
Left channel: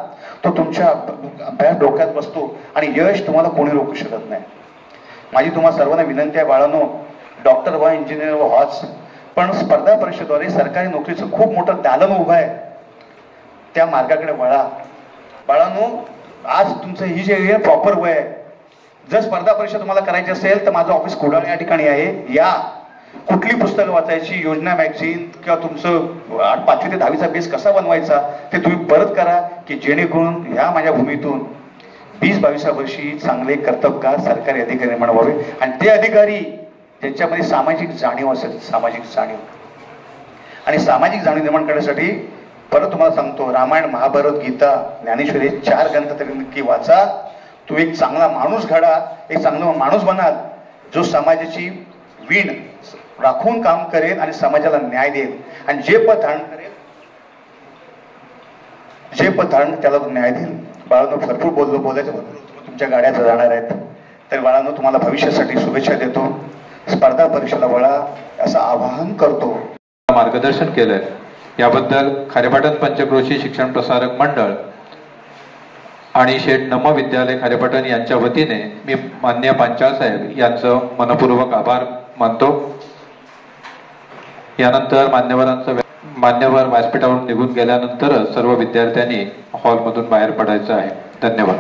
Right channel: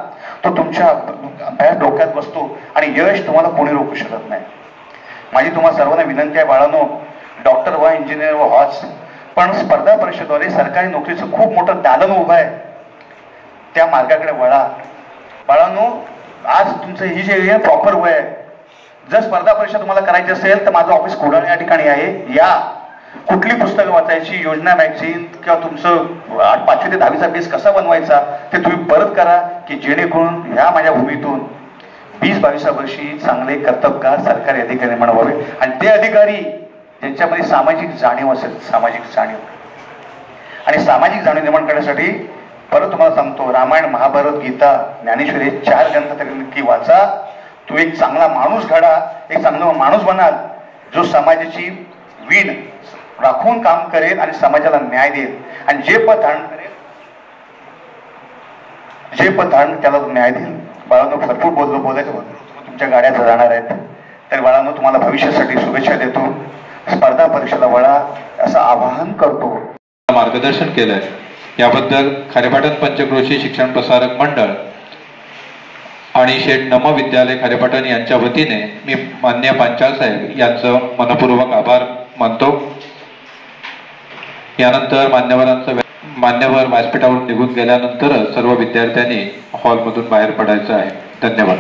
तो तुमच्या अभ्यास डोक्यात बसतो आणि यश तुम्हाला कोणी रोखू शकत नाही. माझी तुम्हाला सर्वांना विनंती आहे बाळांनो, डॉक्टर व्हा, इंजिनियर व्हाच, पण स्पर्धा परीक्षेद्वारे सरकारी नोकरीचं खूप मोठं दालन उभं आहे. त्या मार्गाकडे वळा बाळांनो. आज तुमचं ही जे प्रॉपर वय आहे. जर स्पर्धा परीक्षा तुम्हाला करायची असेल तर माझं ऑफिस कोडाळ या ठिकाणी आहे. या कुठली पुस्तकं वाचायची, योजना मॅगझिन, किंवा तुमचं 5वी ते 10वीचा बेस कसा बनवायचा ते तुम्ही परत करा, की जेणेकरून ह्या माझ्या भूमीतून 20-22 वर्षी चांगले कर्तबगार सरकारी अधिकारी निर्माण व्हावे. आणि ते अधिकारी त्यांच्यामध्ये सामाजिक जाणीव असेल, सामाजिक जाणीव. आणि सामाजिक जाणीव निर्माण करण्यासाठी परत तुम्हाला सांगतो, रामायण, महाभारत, गीता, ज्ञानेश्वरी 4 ग्रंथ तरी नक्की वाचा. तू एक चांगला माणूस घडा, एक चांगला माणूस बनाल, जो समाजाची वीण राखून काम करेल आणि समाजाला न्याय देईल. आणि जे पद धारण करेल, त्याला तो न्याय देईल. बाळांनो, भरपूर बोलायचं तुमच्या गाड्या जाणार आहेत. तर बाळांनो, तुम्हाला भविष्यासाठी शुभेच्छा देतो. स्पर्धा परीक्षेला वळा असं आवाहन करतो. मार्गदर्शन केलंय याबद्दल खारेपाटण पंचक्रोशी शिक्षण प्रसारक मंडळ आणि शेठ नम विद्यालय खारेपाटण यांच्या वतीने मी माननीय पांचाळ साहेब यांचं मनपूर्वक आभार मानतो. यानंतर मान्यवर व्यासपीठावरून निघून गेल्यानंतरच सर्व विद्यार्थ्यांनी हॉलमधून बाहेर पडायचं आहे. धन्यवाद.